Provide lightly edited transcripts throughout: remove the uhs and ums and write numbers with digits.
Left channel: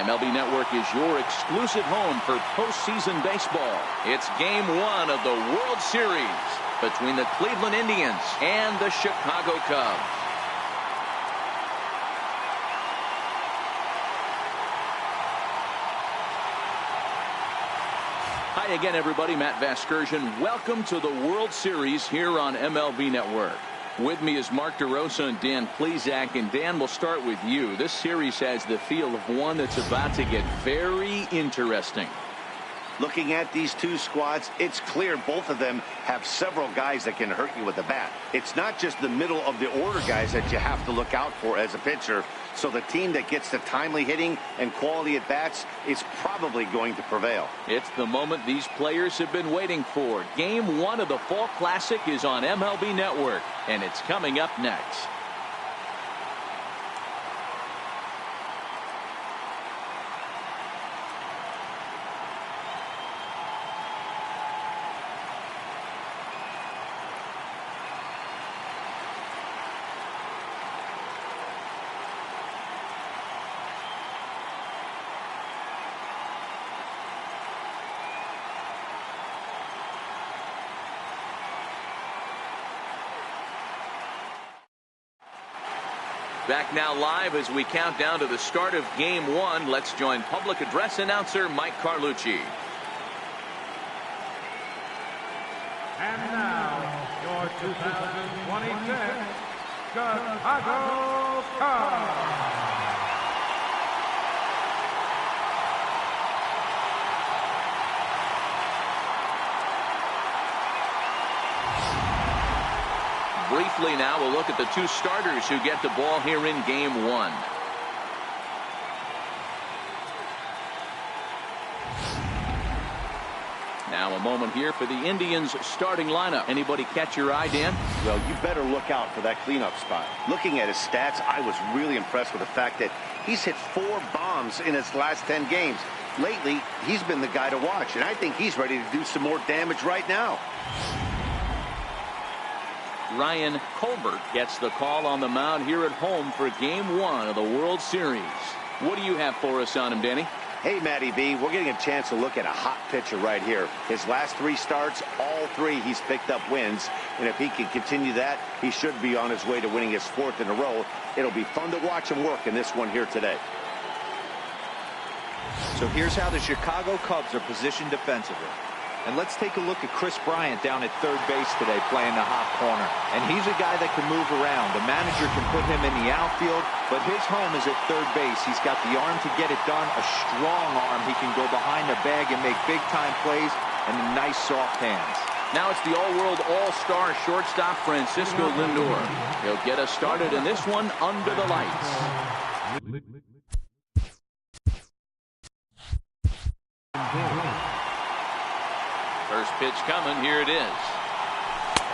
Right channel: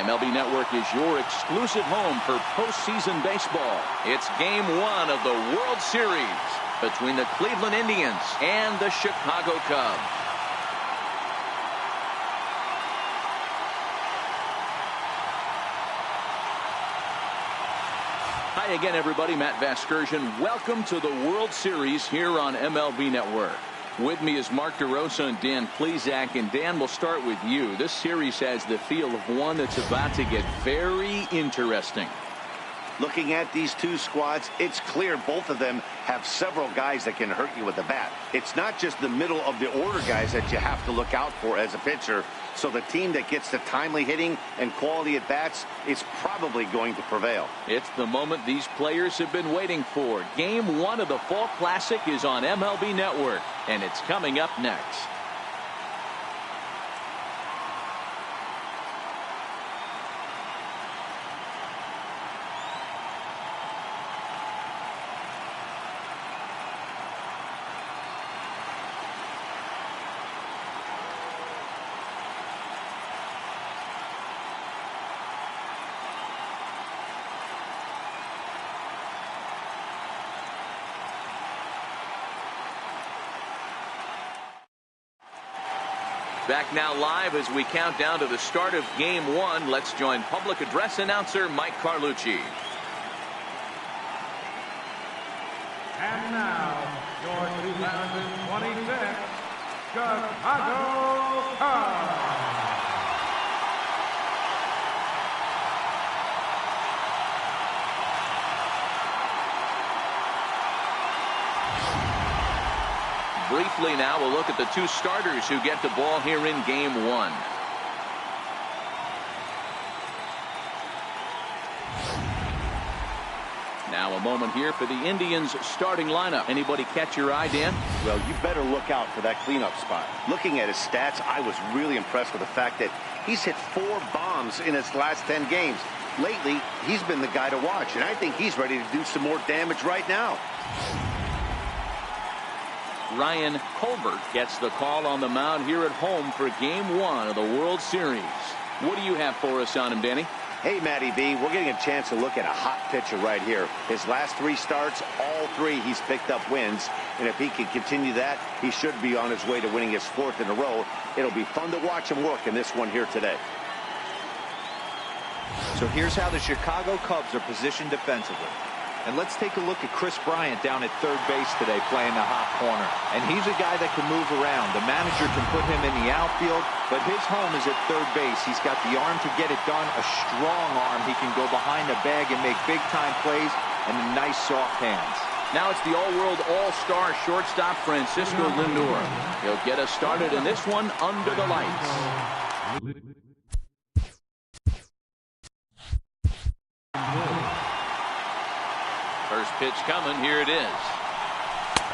MLB Network is your exclusive home for postseason baseball. It's Game 1 of the World Series between the Cleveland Indians and the Chicago Cubs. Hi again, everybody. Matt Vasgersian. Welcome to the World Series here on MLB Network. With me is Mark DeRosa and Dan Plesac. And Dan, we'll start with you. This series has the feel of one that's about to get very interesting. Looking at these two squads, it's clear both of them have several guys that can hurt you with the bat. It's not just the middle of the order guys that you have to look out for as a pitcher. So the team that gets the timely hitting and quality at bats is probably going to prevail. It's the moment these players have been waiting for. Game 1 of the Fall Classic is on MLB Network, and it's coming up next. Back now live as we count down to the start of Game 1. Let's join public address announcer Mike Carlucci. And now, your 2026 Chicago Cubs. Briefly now, we'll look at the two starters who get the ball here in Game 1. Now a moment here for the Indians starting lineup. Anybody catch your eye, Dan? Well, you better look out for that cleanup spot. Looking at his stats, I was really impressed with the fact that he's hit 4 bombs in his last 10 games. Lately, he's been the guy to watch, and I think he's ready to do some more damage right now. Ryan Colbert gets the call on the mound here at home for Game 1 of the World Series. What do you have for us on him, Danny? Hey, Matty V, we're getting a chance to look at a hot pitcher right here. His last 3 starts, all 3 he's picked up wins. And if he can continue that, he should be on his way to winning his 4th in a row. It'll be fun to watch him work in this one here today. So here's how the Chicago Cubs are positioned defensively. And let's take a look at Kris Bryant down at third base today playing the hot corner. And he's a guy that can move around. The manager can put him in the outfield, but his home is at third base. He's got the arm to get it done, a strong arm. He can go behind the bag and make big-time plays, and nice soft hands. Now it's the all-world all-star shortstop Francisco Lindor. He'll get us started in this one under the lights. First pitch coming. Here it is.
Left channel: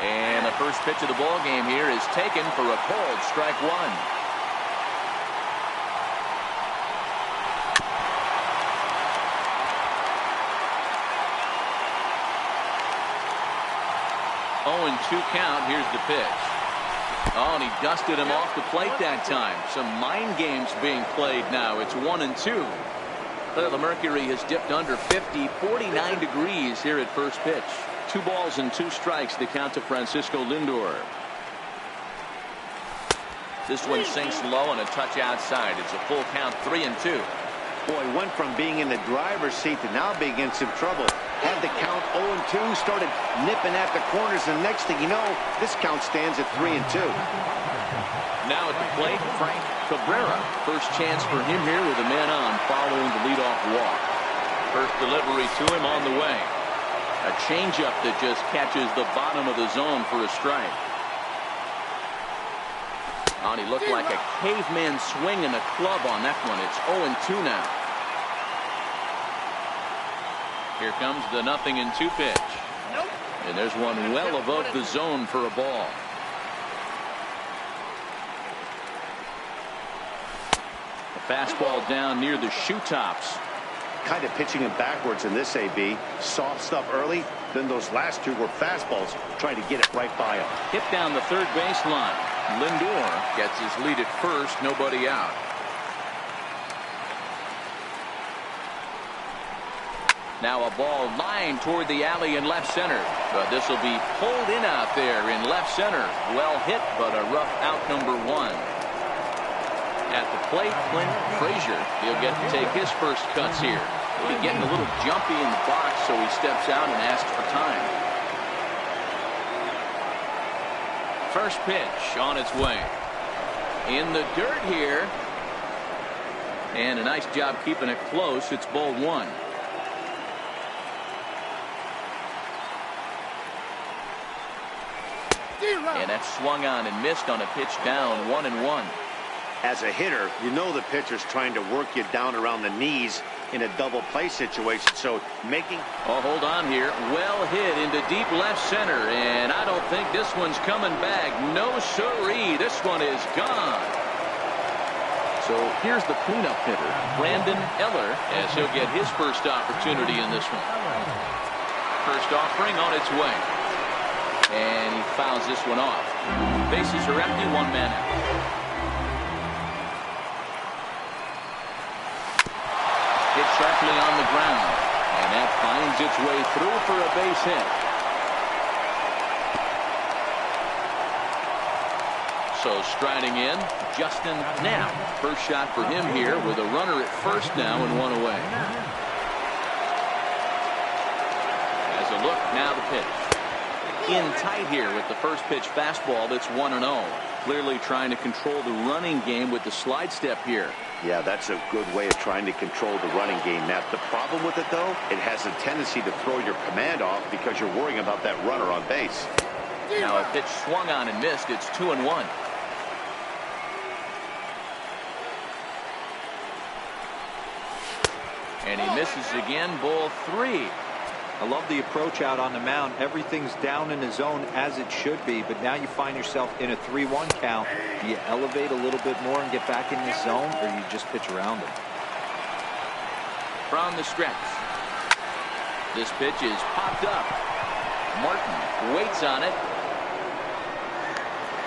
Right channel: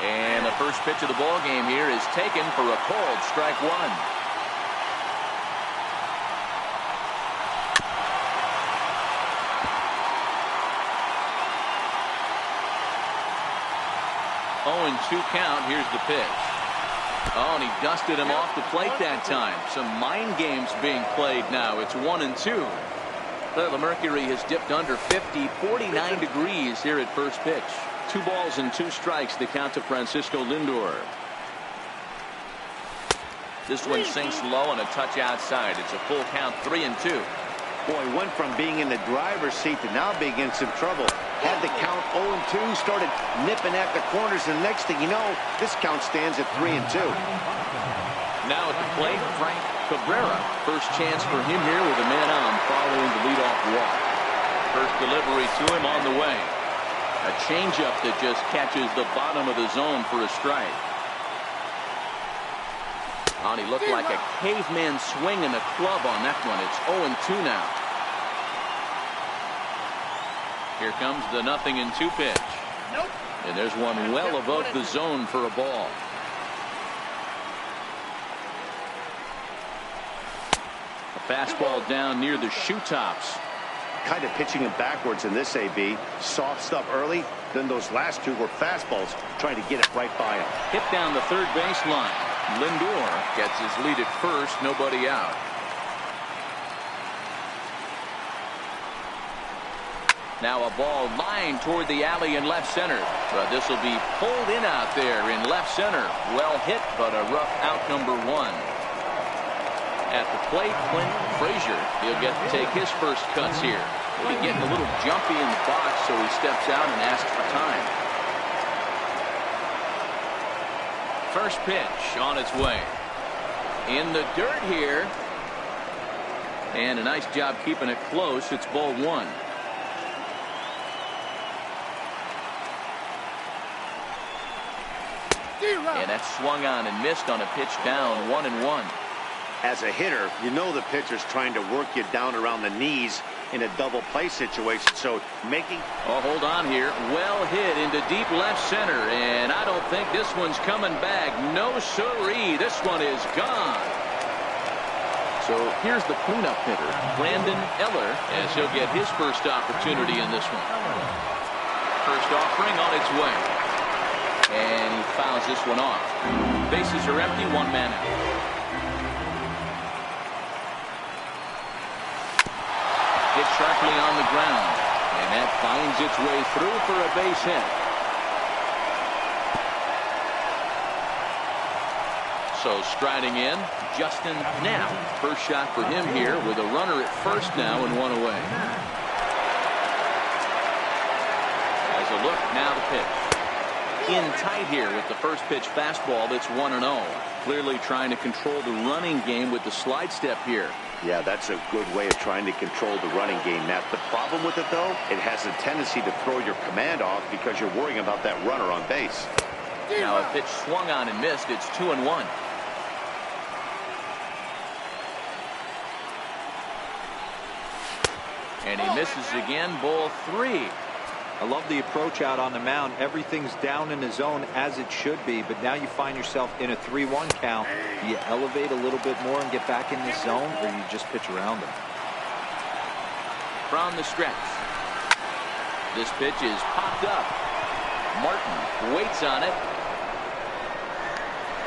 And the first pitch of the ball game here is taken for a called strike 1. Oh, and 2 count. Here's the pitch. Oh, and he dusted him off the plate that time. Some mind games being played now. It's 1-2. The mercury has dipped under 50, 49 degrees here at first pitch. 2 balls and 2 strikes to count to Francisco Lindor. This one sinks low and a touch outside. It's a full count, 3-2. Boy, went from being in the driver's seat to now being in some trouble. Had the count 0-2, started nipping at the corners, and the next thing you know, this count stands at 3-2. Now at the plate, Frank Cabrera. First chance for him here with a man on following the leadoff walk. First delivery to him on the way. A changeup that just catches the bottom of the zone for a strike. Oh, and he looked like a caveman swinging a club on that one. It's 0-2 now. Here comes the 0-2 pitch. Nope. And there's one well above the zone for a ball. A fastball down near the shoe tops. Kind of pitching him backwards in this AB. Soft stuff early, then those last 2 were fastballs, trying to get it right by him. Hit down the third base line. Lindor gets his lead at first, nobody out. Now a ball lined toward the alley in left center. But this will be pulled in out there in left center. Well hit, but a rough out, number 1. At the plate, Clint Frazier. He'll get to take his first cuts here. He'll be getting a little jumpy in the box, so he steps out and asks for time. First pitch on its way. In the dirt here. And a nice job keeping it close. It's ball 1. And that's swung on and missed on a pitch down, 1-1. As a hitter, you know the pitcher's trying to work you down around the knees in a double play situation. So making. Oh, hold on here. Well hit into deep left center. And I don't think this one's coming back. No siree. This one is gone. So here's the cleanup hitter, Brandon Eller, as he'll get his first opportunity in this one. First offering on its way. And he fouls this one off. Bases are empty, 1 man out. Hit sharply on the ground. And that finds its way through for a base hit. So striding in, Justin Knapp. First shot for him here with a runner at first now and 1 away. As a look, now the pitch. In tight here with the first pitch fastball that's 1-0. Clearly trying to control the running game with the slide step here. Yeah, that's a good way of trying to control the running game. Now, the problem with it, though, it has a tendency to throw your command off because you're worrying about that runner on base. Now a pitch swung on and missed. It's 2-1. And he misses again, ball 3. I love the approach out on the mound. Everything's down in the zone as it should be, but now you find yourself in a 3-1 count. Do you elevate a little bit more and get back in this zone, or you just pitch around them? From the stretch. This pitch is popped up. Martin waits on it.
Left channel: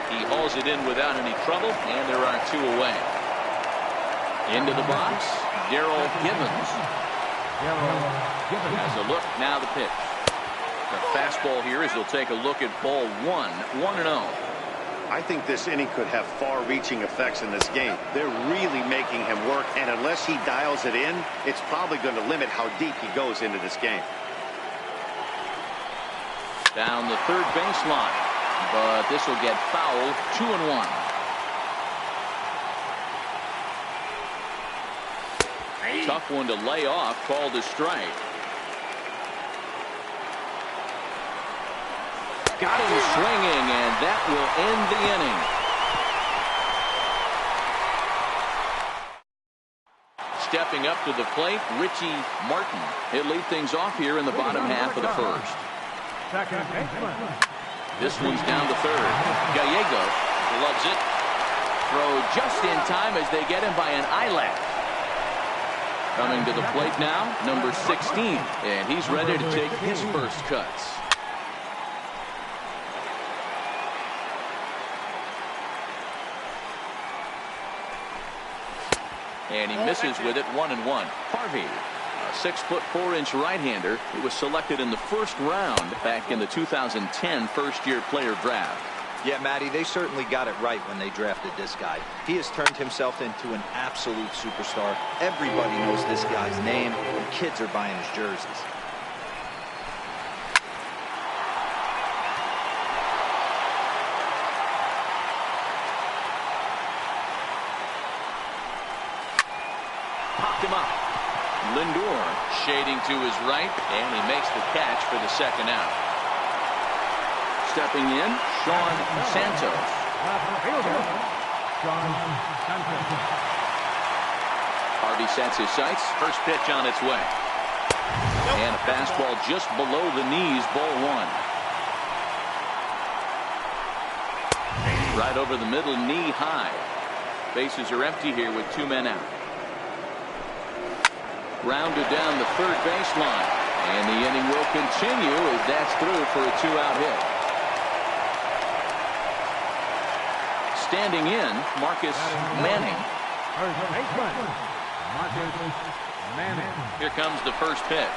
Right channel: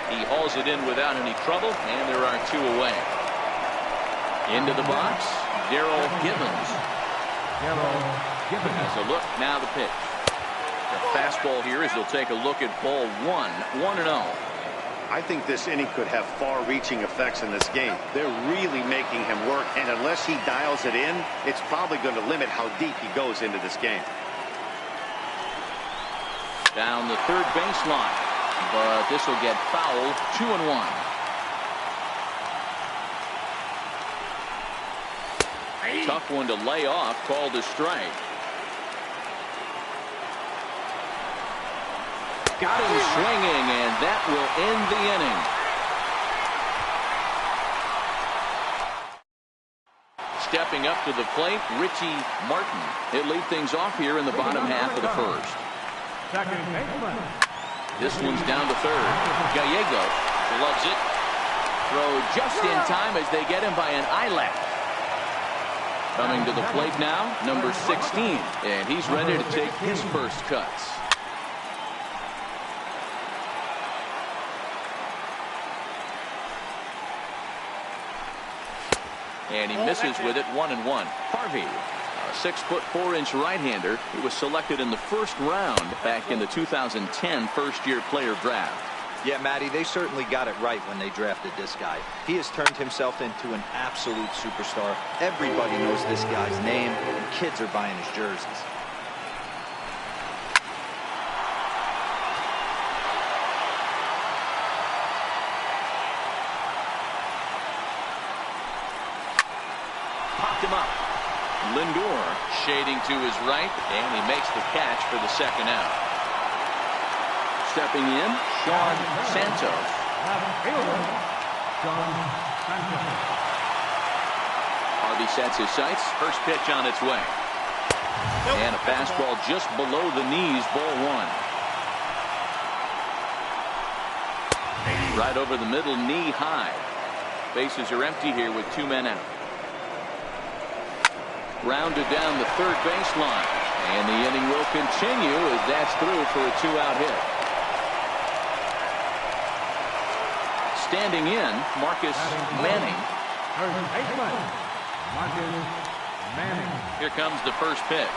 He hauls it in without any trouble, and there are 2 away. Into the box, Daryl Gibbons. Has a look, now the pitch. The fastball here as he'll take a look at ball 1, 1-0. I think this inning could have far-reaching effects in this game. They're really making him work, and unless he dials it in, it's probably going to limit how deep he goes into this game. Down the third baseline, but this will get fouled. 2-1. Tough one to lay off, called a strike. Got him swinging, and that will end the inning. Stepping up to the plate, Richie Martin. He'll lead things off here in the bottom half of the first. Second baseman. This one's down to third. Gallegos loves it. Throw just in time as they get him by an eyelash. Coming to the plate now, number 16, and he's ready to take his first cuts. And he misses with it, 1-1. Harvey, a 6'4" right-hander who was selected in the first round back in the 2010 first-year player draft. Yeah, Matty, they certainly got it right when they drafted this guy. He has turned himself into an absolute superstar. Everybody knows this guy's name, and kids are buying his jerseys. Popped him up. Lindor shading to his right, and he makes the catch for the second out. Stepping in, Sean Santos. Left fielder, Sean Santos. Harvey sets his sights. First pitch on its way. And a fastball just below the knees, ball 1. Right over the middle, knee high. Bases are empty here with 2 men out. Grounded down the third baseline. And the inning will continue as that's through for a 2-out hit. Standing in, Marcus Manning. First baseman, Marcus Manning. Here comes the first pitch.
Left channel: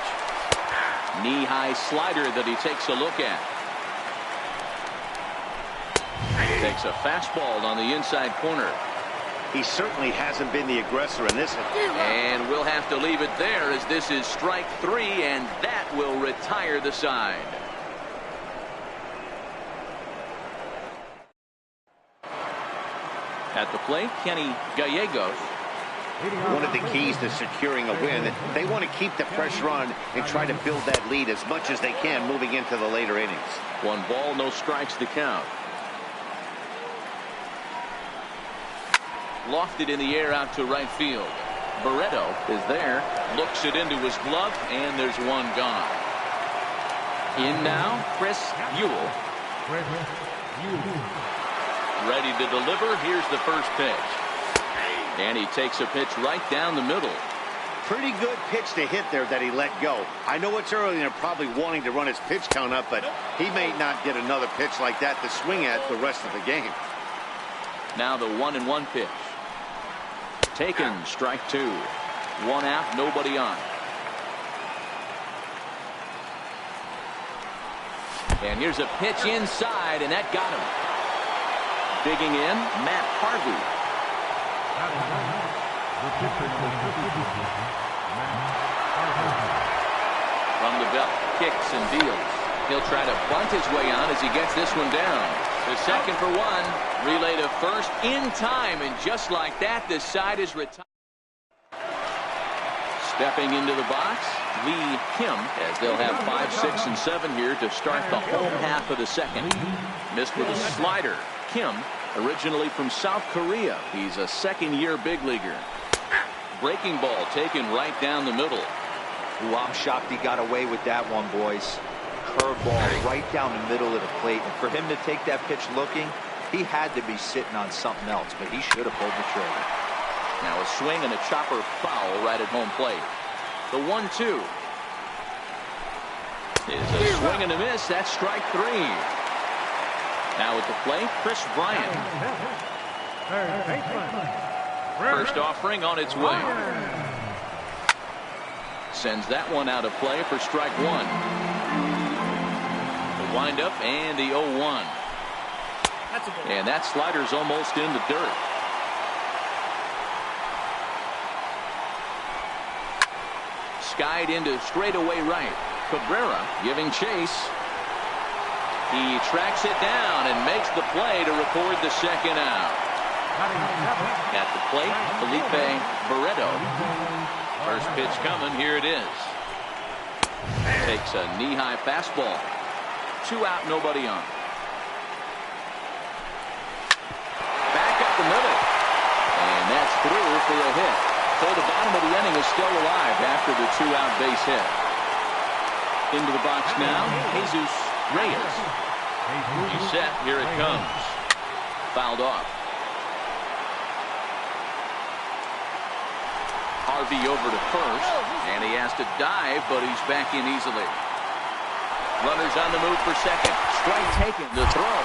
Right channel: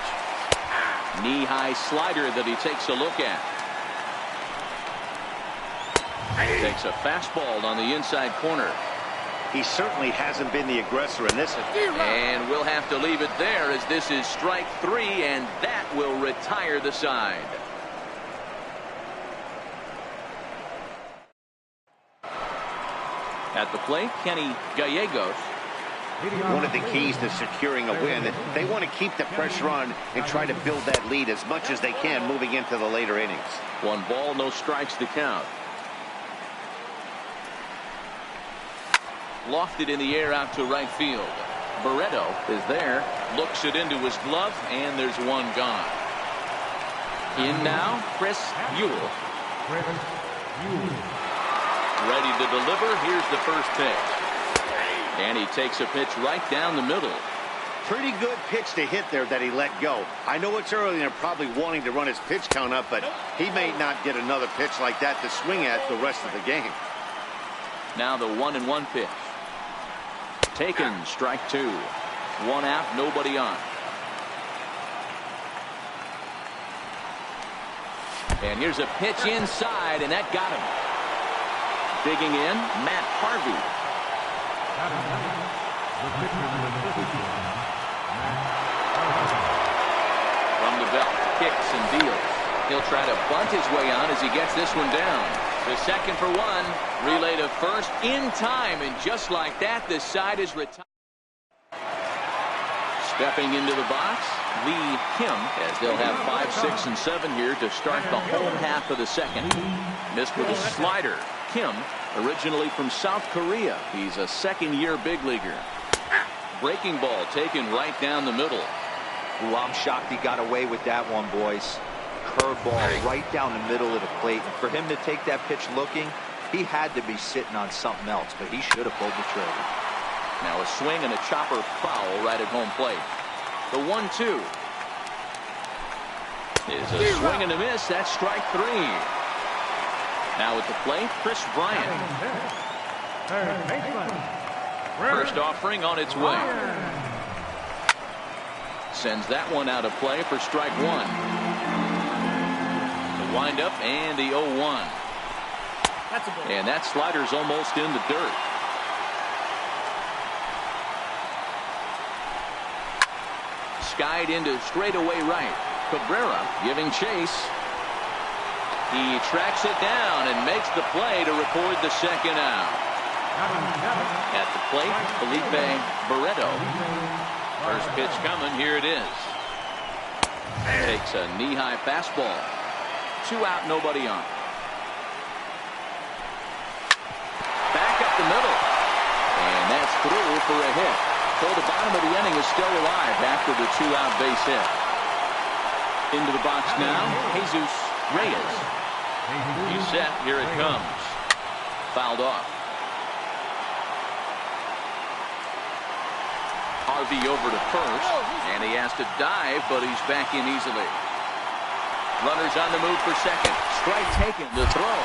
Knee-high slider that he takes a look at. Takes a fastball on the inside corner. He certainly hasn't been the aggressor in this. And we'll have to leave it there as this is strike 3, and that will retire the side. At the plate, Kenny Gallegos. One of the keys to securing a win, they want to keep the pressure on and try to build that lead as much as they can moving into the later innings. 1 ball, no strikes to count. Lofted in the air out to right field. Barreto is there, looks it into his glove, and there's 1 gone. In now, Chris Ewell. Ready to deliver. Here's the first pitch. And he takes a pitch right down the middle. Pretty good pitch to hit there that he let go. I know it's early and they're probably wanting to run his pitch count up, but he may not get another pitch like that to swing at the rest of the game. Now the 1-1 pitch. Taken, strike 2. 1 out, nobody on. And here's a pitch inside, and that got him. Digging in, Matt Harvey. Batting ninth, the pitcher number 32, Matt Harvey. From the belt, kicks and deals. He'll try to bunt his way on as he gets this one down. To second for 1, relay to first in time, and just like that, the side is retired. Stepping into the box, Lee Kim, as they'll have 5, 6, and 7 here to start the home half of the second. Missed with a slider. Kim, originally from South Korea. He's a second-year big leaguer. Breaking ball taken right down the middle. Ooh, I'm shocked he got away with that one, boys. Curveball right down the middle of the plate. And for him to take that pitch looking, he had to be sitting on something else, but he should have pulled the trigger. Now a swing and a chopper foul right at home plate. The 1-2 is a swing and a miss. That's strike 3. Now at the plate, Chris Bryant. Third baseman. First offering on its way. Sends that one out of play for strike 1. The windup and the 0-1. And that slider's almost in the dirt. Skied into straightaway right. Cabrera giving chase. He tracks it down and makes the play to record the second out. At the plate, Felipe Barreto. First pitch coming. Here it is. Takes a knee-high fastball. 2 out, nobody on. Back up the middle. And that's through for a hit. So the bottom of the inning is still alive after the 2-out base hit. Into the box now, Jesus Reyes. He's set. Here it comes. Fouled off. Harvey over to first, and he has to dive, but he's back in easily. Runners on the move for second. Strike taken. The throw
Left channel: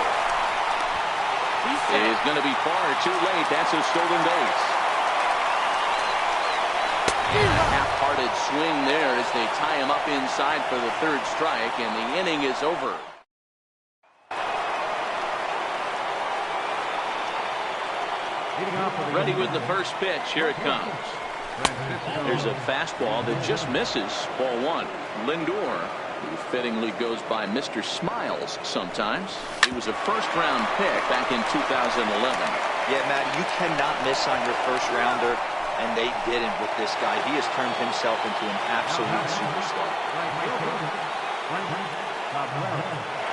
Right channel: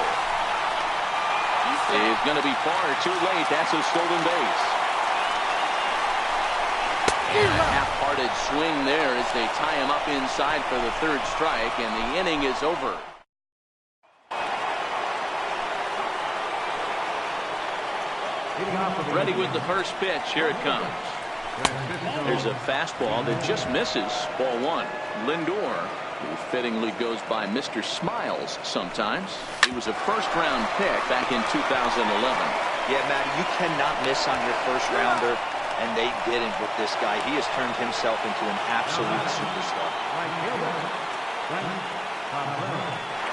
is going to be far too late. That's a stolen base. And a half-hearted swing there as they tie him up inside for the 3rd strike, and the inning is over. Ready with the first pitch. Here it comes. There's a fastball that just misses. Ball 1. Lindor, who fittingly goes by Mr. Smiles sometimes. He was a first-round pick back in 2011. Yeah, Matt, you cannot miss on your first rounder, and they didn't with this guy. He has turned himself into an absolute superstar.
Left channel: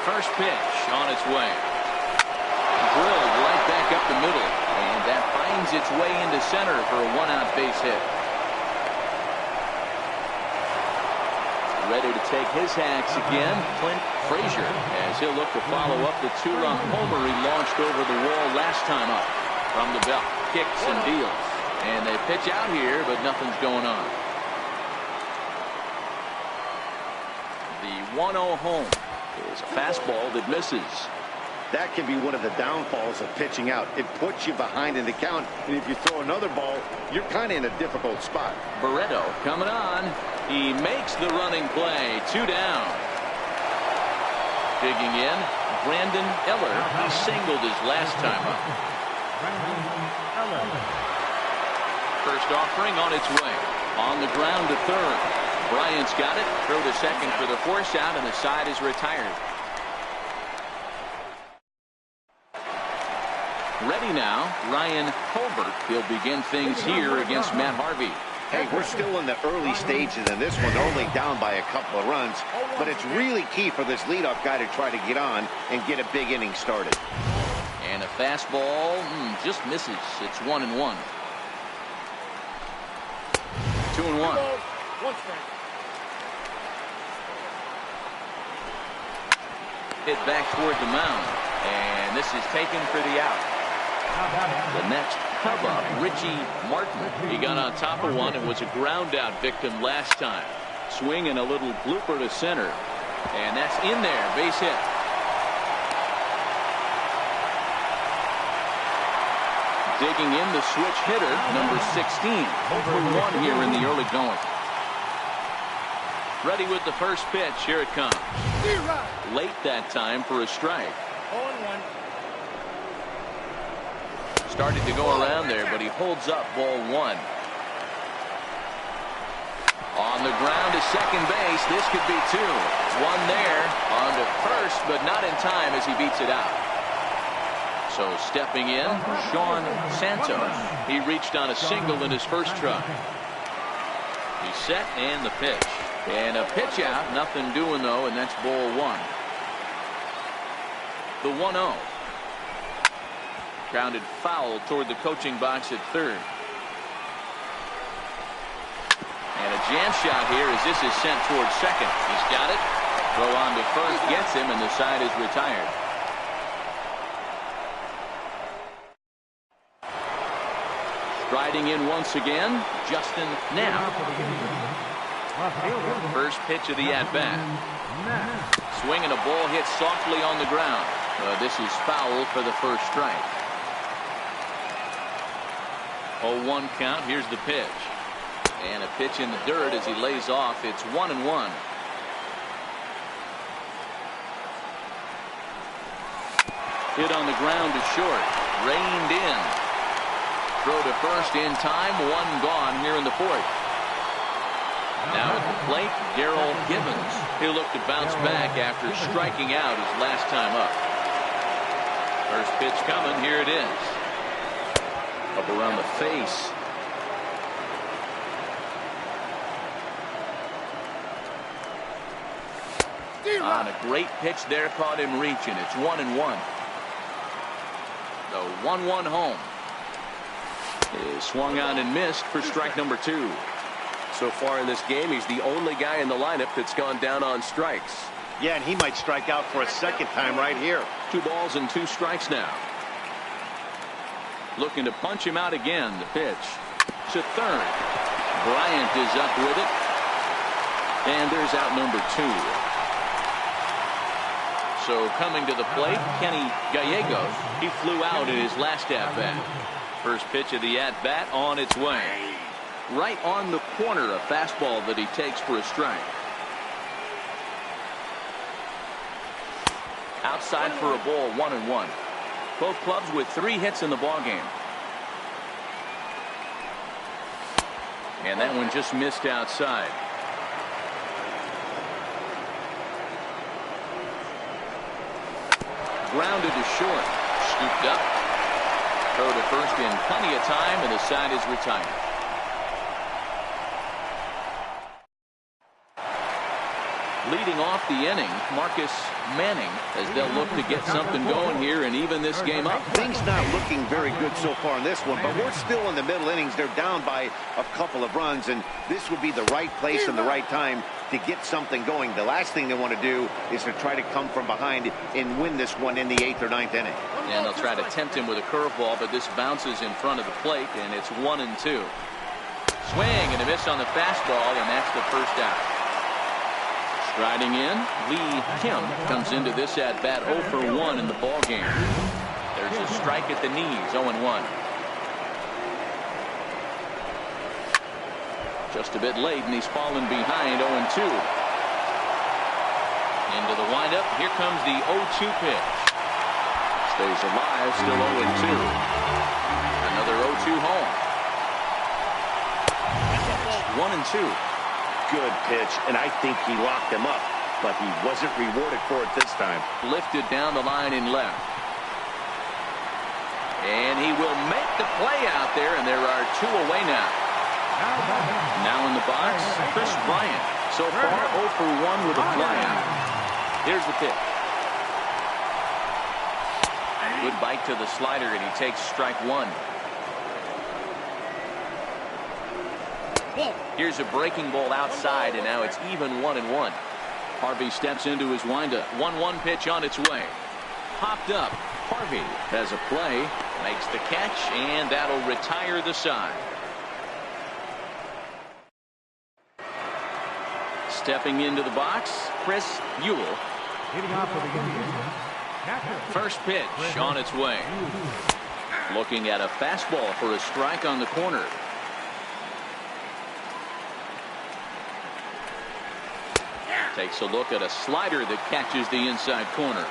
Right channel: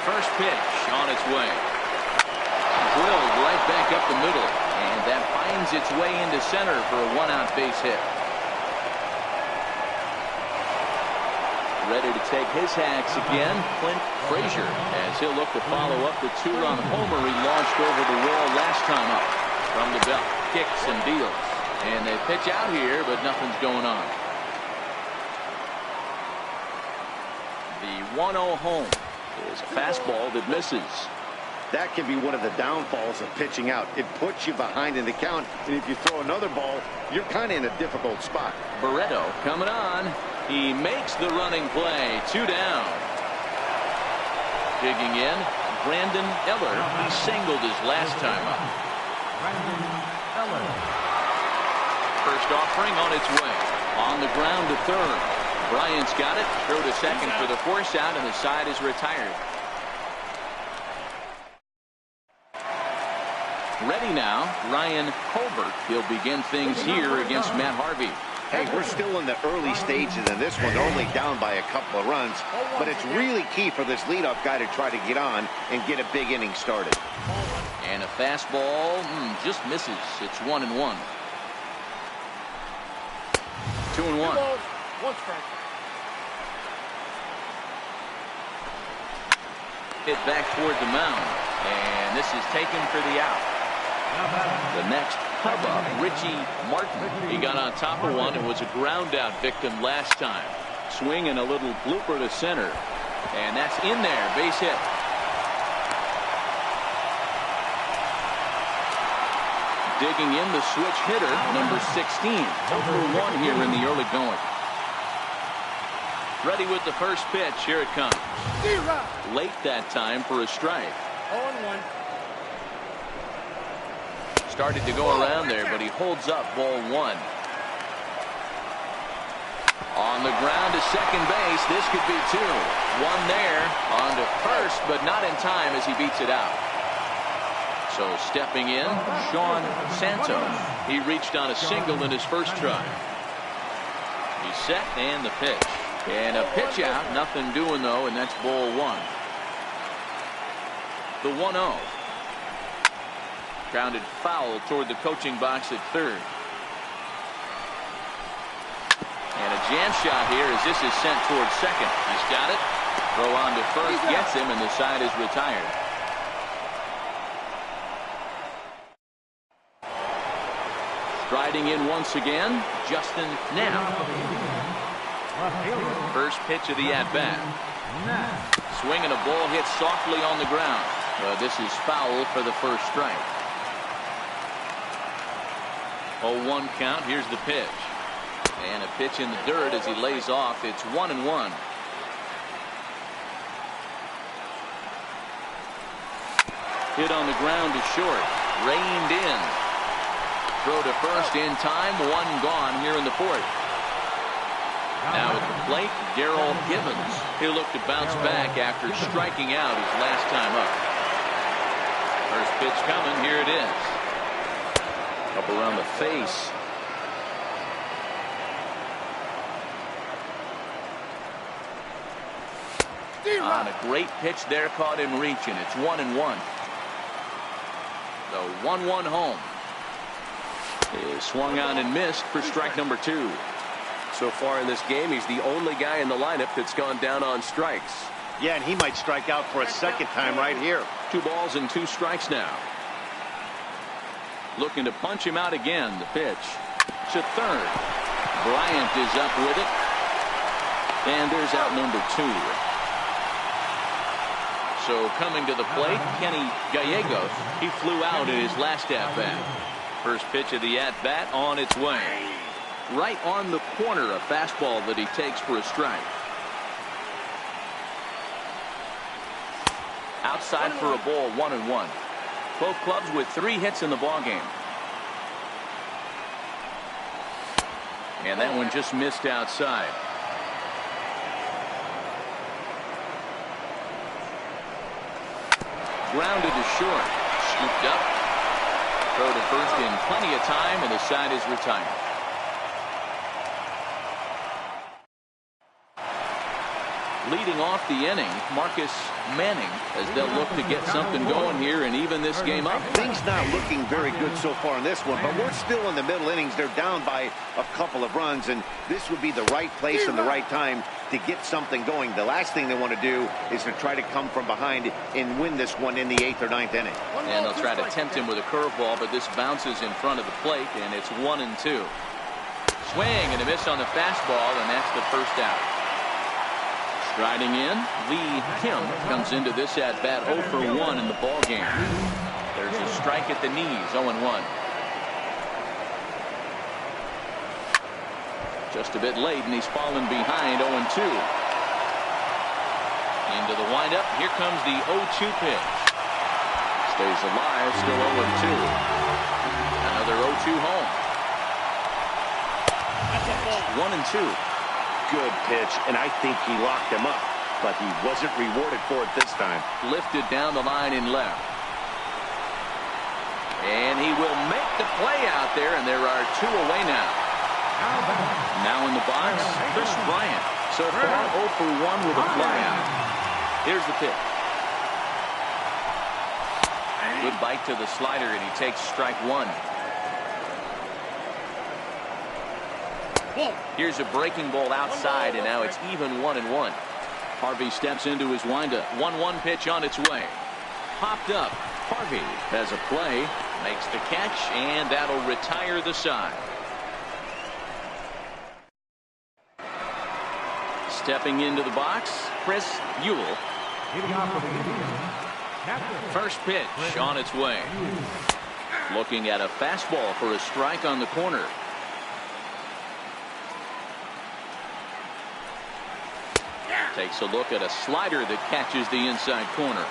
First pitch on its way. Drilled right back up the middle, and that finds its way into center for a 1-out base hit. Ready to take his hacks again, Clint Frazier, as he'll look to follow up the 2-run homer he launched over the wall last time up. From the belt, kicks and deals, and they pitch out here, but nothing's going on. The 1-0 home is a fastball that misses. That can be one of the downfalls of pitching out. It puts you behind in the count, and if you throw another ball, you're kind of in a difficult spot. Barreto coming on. He makes the running play. 2 down. Digging in, Brandon Eller. He singled his last time up. Brandon Eller. First offering on its way. On the ground to third. Bryant's got it. Throw to second for the force out, and the side is retired. Ready now, Ryan Colbert. He'll begin things here against Matt Harvey. Hey, we're still in the early stages in this one. They're only down by a couple of runs, but it's really key for this leadoff guy to try to get on and get a big inning started. And a fastball just misses. It's 1-1. 2-1. 1 strike. Hit back toward the mound, and this is taken for the out. Now batting. The next Cub up, Richie Martin. He got on top of one and was a ground out victim last time. Swing and a little blooper to center, and that's in there. Base hit. Digging in, the switch hitter, number 16. 0 for 1 here in the early going. Ready with the first pitch. Here it comes. Late that time for a strike. 0-1. Started to go around there, but he holds up ball 1. On the ground to second base. This could be 2. 1 there. On to first, but not in time as he beats it out. So stepping in, Sean Santos. He reached on a single in his first try. He's set, and the pitch. And a pitch out. Nothing doing, though, and that's ball 1. The 1-0. Grounded foul toward the coaching box at third. And a jam shot here as this is sent towards second. He's got it. Throw on to first gets him, and the side is retired. Striding in once again, Justin Knapp. Left fielder. First pitch of the at-bat. Knapp. Swing and a ball hit softly on the ground. This is foul for the first strike. 0-1 count. Here's the pitch. And a pitch in the dirt as he lays off. It's 1-1. Hit on the ground to short. Reined in. Throw to first in time. 1 gone here in the fourth. Now at the plate, Darrell Givens. He'll look to bounce back after striking out his last time up. First pitch coming. Here it is. Up around the face. On a great pitch there, caught him reaching. It's 1-1. The 1-1 home is swung on and missed for strike number 2. So far in this game, he's the only guy in the lineup that's gone down on strikes. Yeah, and he might strike out for a second time right here. 2 balls and 2 strikes now. Looking to punch him out again. The pitch to third. Bryant is up with it. And there's out number 2. So coming to the plate, Kenny Gallegos. He flew out in his last at-bat. First pitch of the at-bat on its way. Right on the corner, a fastball that he takes for a strike. Outside for a ball, 1-1. Both clubs with 3 hits in the ballgame. And that one just missed outside. Grounded to short. Scooped up. Throw to first in plenty of time, and the side is retired. Leading off the inning, Marcus Manning, as they'll look to get something going here and even this game up. Things not looking very good so far in this one, but we're still in the middle innings. They're down by a couple of runs, and this would be the right place and the right time to get something going. The last thing they want to do is to try to come from behind and win this one in the 8th or 9th inning. And they'll try to tempt him with a curveball, but this bounces in front of the plate, and it's 1-2. Swing and a miss on the fastball, and that's the first out. Striding in, Lee Kim comes into this at bat 0 for 1 in the ball game. There's a strike at the knees, 0-1. Just a bit late, and he's fallen behind 0-2. Into the windup. Here comes the 0-2 pitch. Stays alive, still 0-2. Another 0-2 home. It's 1-2. Good pitch, and I think he locked him up, but he wasn't rewarded for it this time. Lifted down the line in left. And he will make the play out there, and there are 2 away now. Now in the box, Chris Bryant. So far 0 for 1 with a flyout. Here's the pitch. Good bite to the slider, and he takes strike 1. Here's a breaking ball outside, and now it's even 1-1. Harvey steps into his windup. 1-1 pitch on its way. Popped up. Harvey has a play, makes the catch, and that'll retire the side. Stepping into the box, Chris Buell. Leading off for the Indians, catcher. First pitch on its way. Looking at a fastball for a strike on the corner. Takes a look at a slider that catches the inside corner.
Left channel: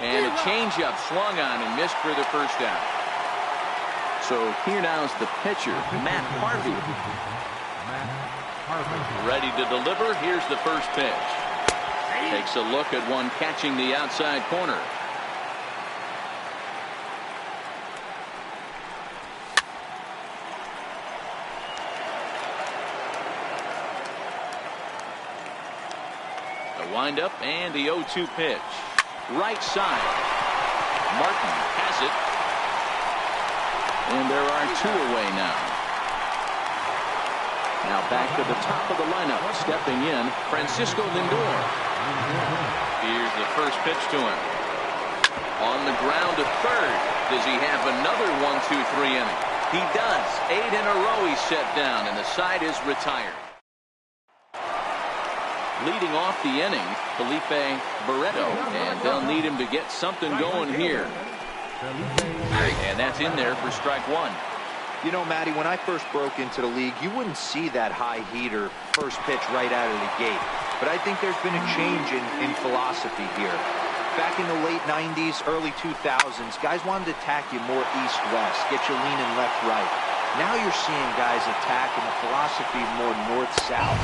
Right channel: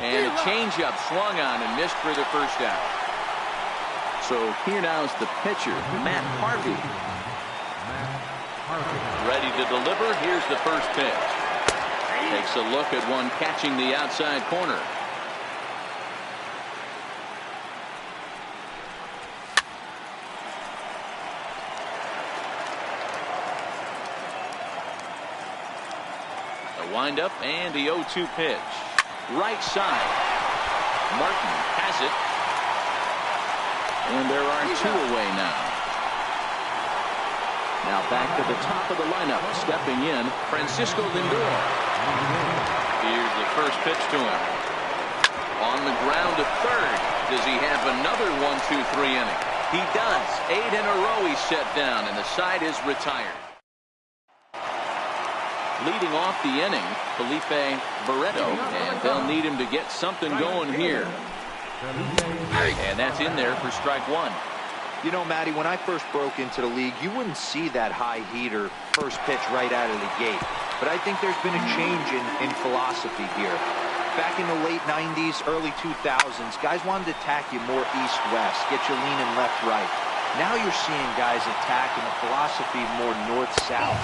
And a changeup swung on and missed for the first out. So here now's the pitcher, Matt Harvey. Matt Harvey. Ready to deliver. Here's the first pitch. Takes a look at one catching the outside corner. The windup and the 0-2 pitch. Right side. Martin has it. And there are 2 away now. Now back to the top of the lineup. Stepping in, Francisco Lindor. Here's the first pitch to him. On the ground to third. Does he have another 1-2-3 inning? He does. 8 in a row he's set down, and the side is retired. Leading off the inning, Felipe Barreto, and they'll need him to get something going here. And that's in there for strike 1. You know, Matty, when I first broke into the league, you wouldn't see that high heater first pitch right out of the gate. But I think there's been a change in philosophy here. Back in the late 90s, early 2000s, guys wanted to attack you more east-west, get you leaning left-right. Now you're seeing guys attack in a philosophy more north-south.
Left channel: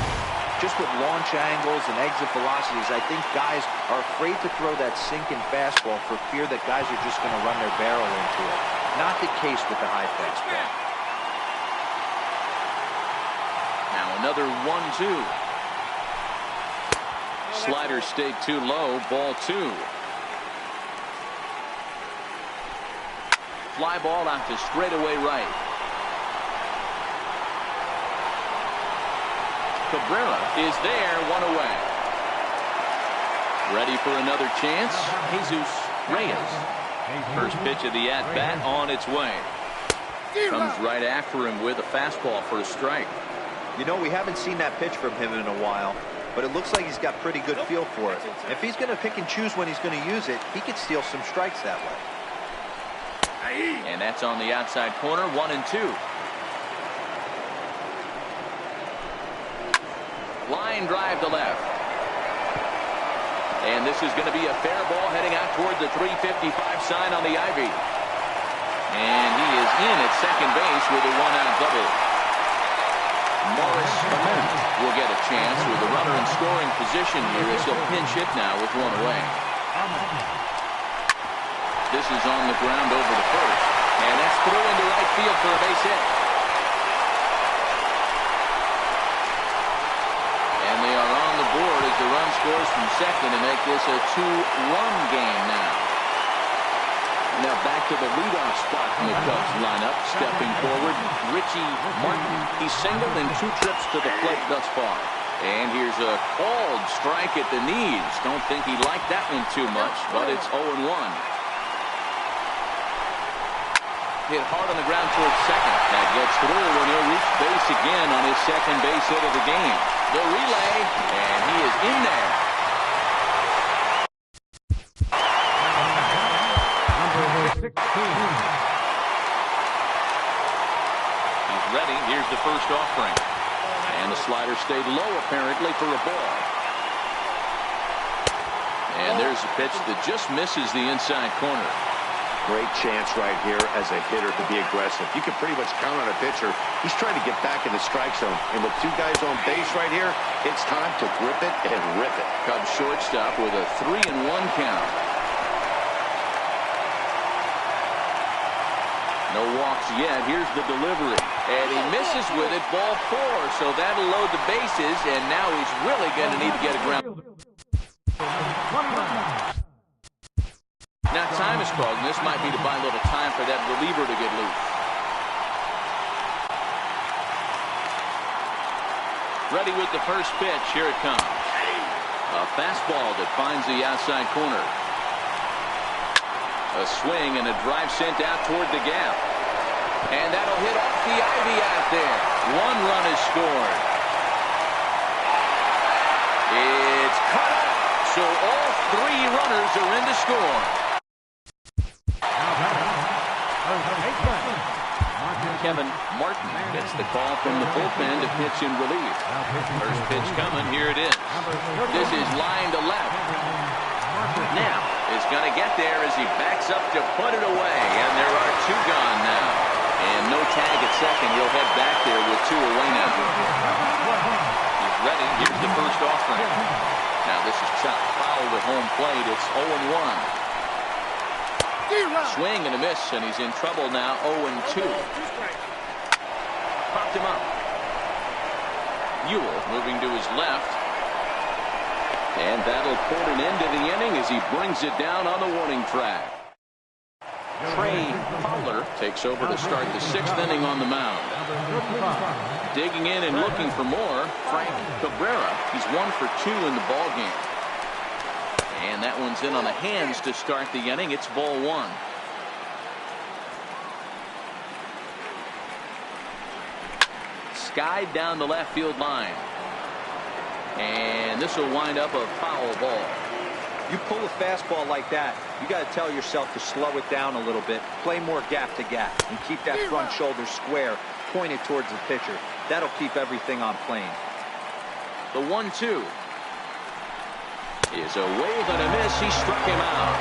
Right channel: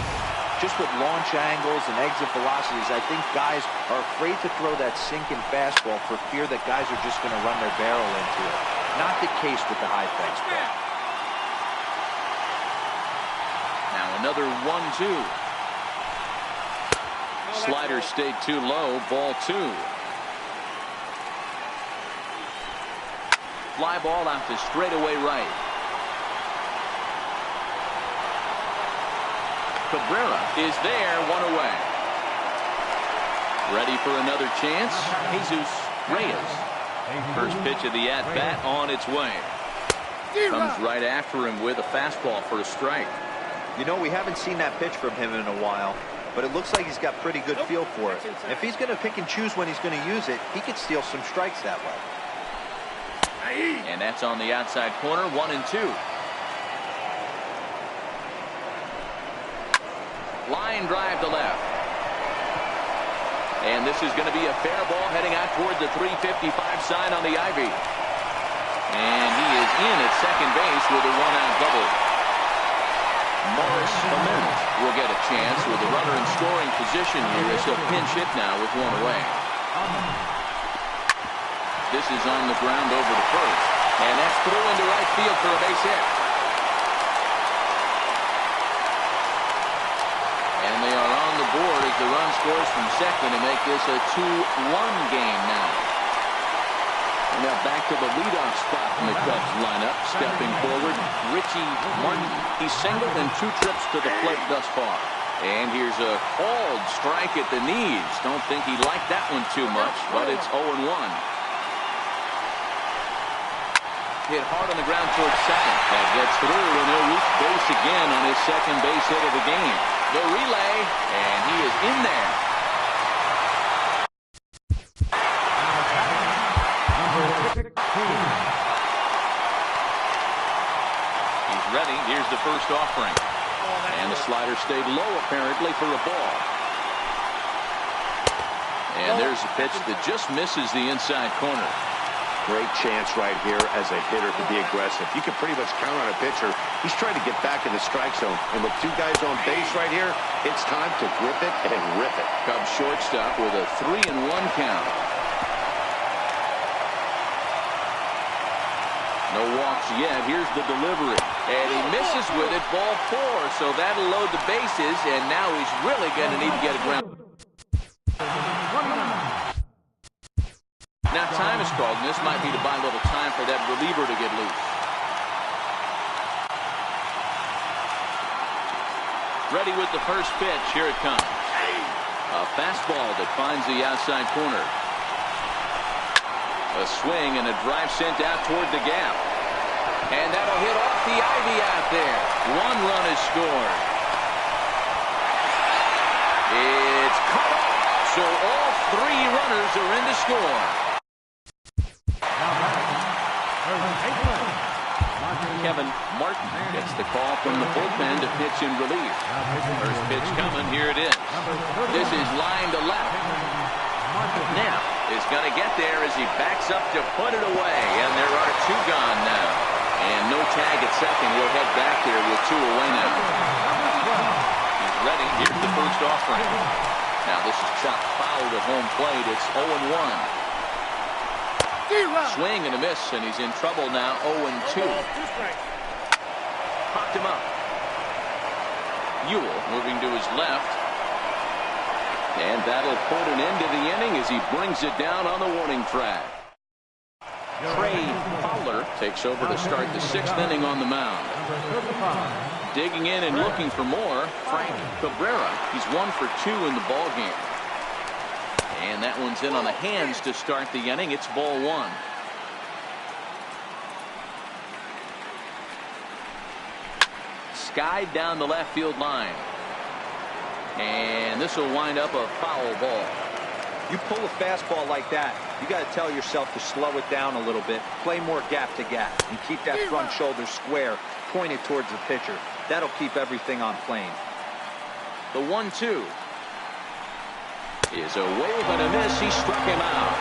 Just with launch angles and exit velocities, I think guys are afraid to throw that sinking fastball for fear that guys are just going to run their barrel into it. Not the case with the high fastball. Now another 1-2. Slider stayed too low. Ball 2. Fly ball out to straightaway right. Cabrera is there, 1 away. Ready for another chance. Jesus Reyes. First pitch of the at-bat on its way. Comes right after him with a fastball for a strike. You know, we haven't seen that pitch from him in a while, but it looks like he's got pretty good feel for it. If he's going to pick and choose when he's going to use it, he could steal some strikes that way. And that's on the outside corner, 1-2. Line drive to left. And this is going to be a fair ball heading out toward the 355 sign on the Ivy. And he is in at second base with a 1-out double. Morris Clement will get a chance with a runner in scoring position here as he'll pinch hit now with 1 away. This is on the ground over to first. And that's through into right field for a base hit. And they are on the board as the run scores from second to make this a 2-1 game now. And now back to the leadoff spot in the Cubs lineup. Stepping forward, Richie Martin. He's singled in 2 trips to the plate thus far. And here's a called strike at the knees. Don't think he liked that one too much, but it's 0-1. Hit hard on the ground towards second. That gets through, and he'll reach base again on his second base hit of the game. The relay, and he is in there. Number 16. ready. Here's the first offering. And the slider stayed low apparently for a ball. And there's a pitch that just misses the inside corner. Great chance right here as a hitter to be aggressive. You can pretty much count on a pitcher. He's trying to get back in the strike zone. And with 2 guys on base right here, it's time to grip it and rip it. Cubs shortstop with a 3-1 count. No walks yet. Here's the delivery. And he misses with it. Ball 4. So that'll load the bases. And now he's really going to need to get a ground. Now time is called, and this might be to buy a little time for that reliever to get loose. Ready with the first pitch. Here it comes. A fastball that finds the outside corner. A swing and a drive sent out toward the gap. And that'll hit off the ivy out there. 1 run is scored. It's cut off. So all 3 runners are in to score. Kevin Martin gets the call from the bullpen to pitch in relief. First pitch coming. Here it is. This is line to left. Knapp is going to get there as he backs up to put it away. And there are 2 gone now. And no tag at second. He'll head back there with 2 away now. He's ready. Here's the first offering. Now this is chopped foul at home plate. It's 0-1. Swing and a miss, and he's in trouble now. 0-2. Popped him up. Ewell moving to his left. And that'll put an end to the inning as he brings it down on the warning track. Trey Fowler takes over to start the 6th inning on the mound. Digging in and looking for more, Frank Cabrera. He's 1 for 2 in the ball game. And that one's in on the hands to start the inning. It's ball 1. Skied down the left field line. And this will wind up a foul ball. You pull a fastball like that, you got to tell yourself to slow it down a little bit, play more gap to gap, and keep that front shoulder square, pointed towards the pitcher. That'll keep everything on plane. The 1-2 is a wave and a miss. He struck him out.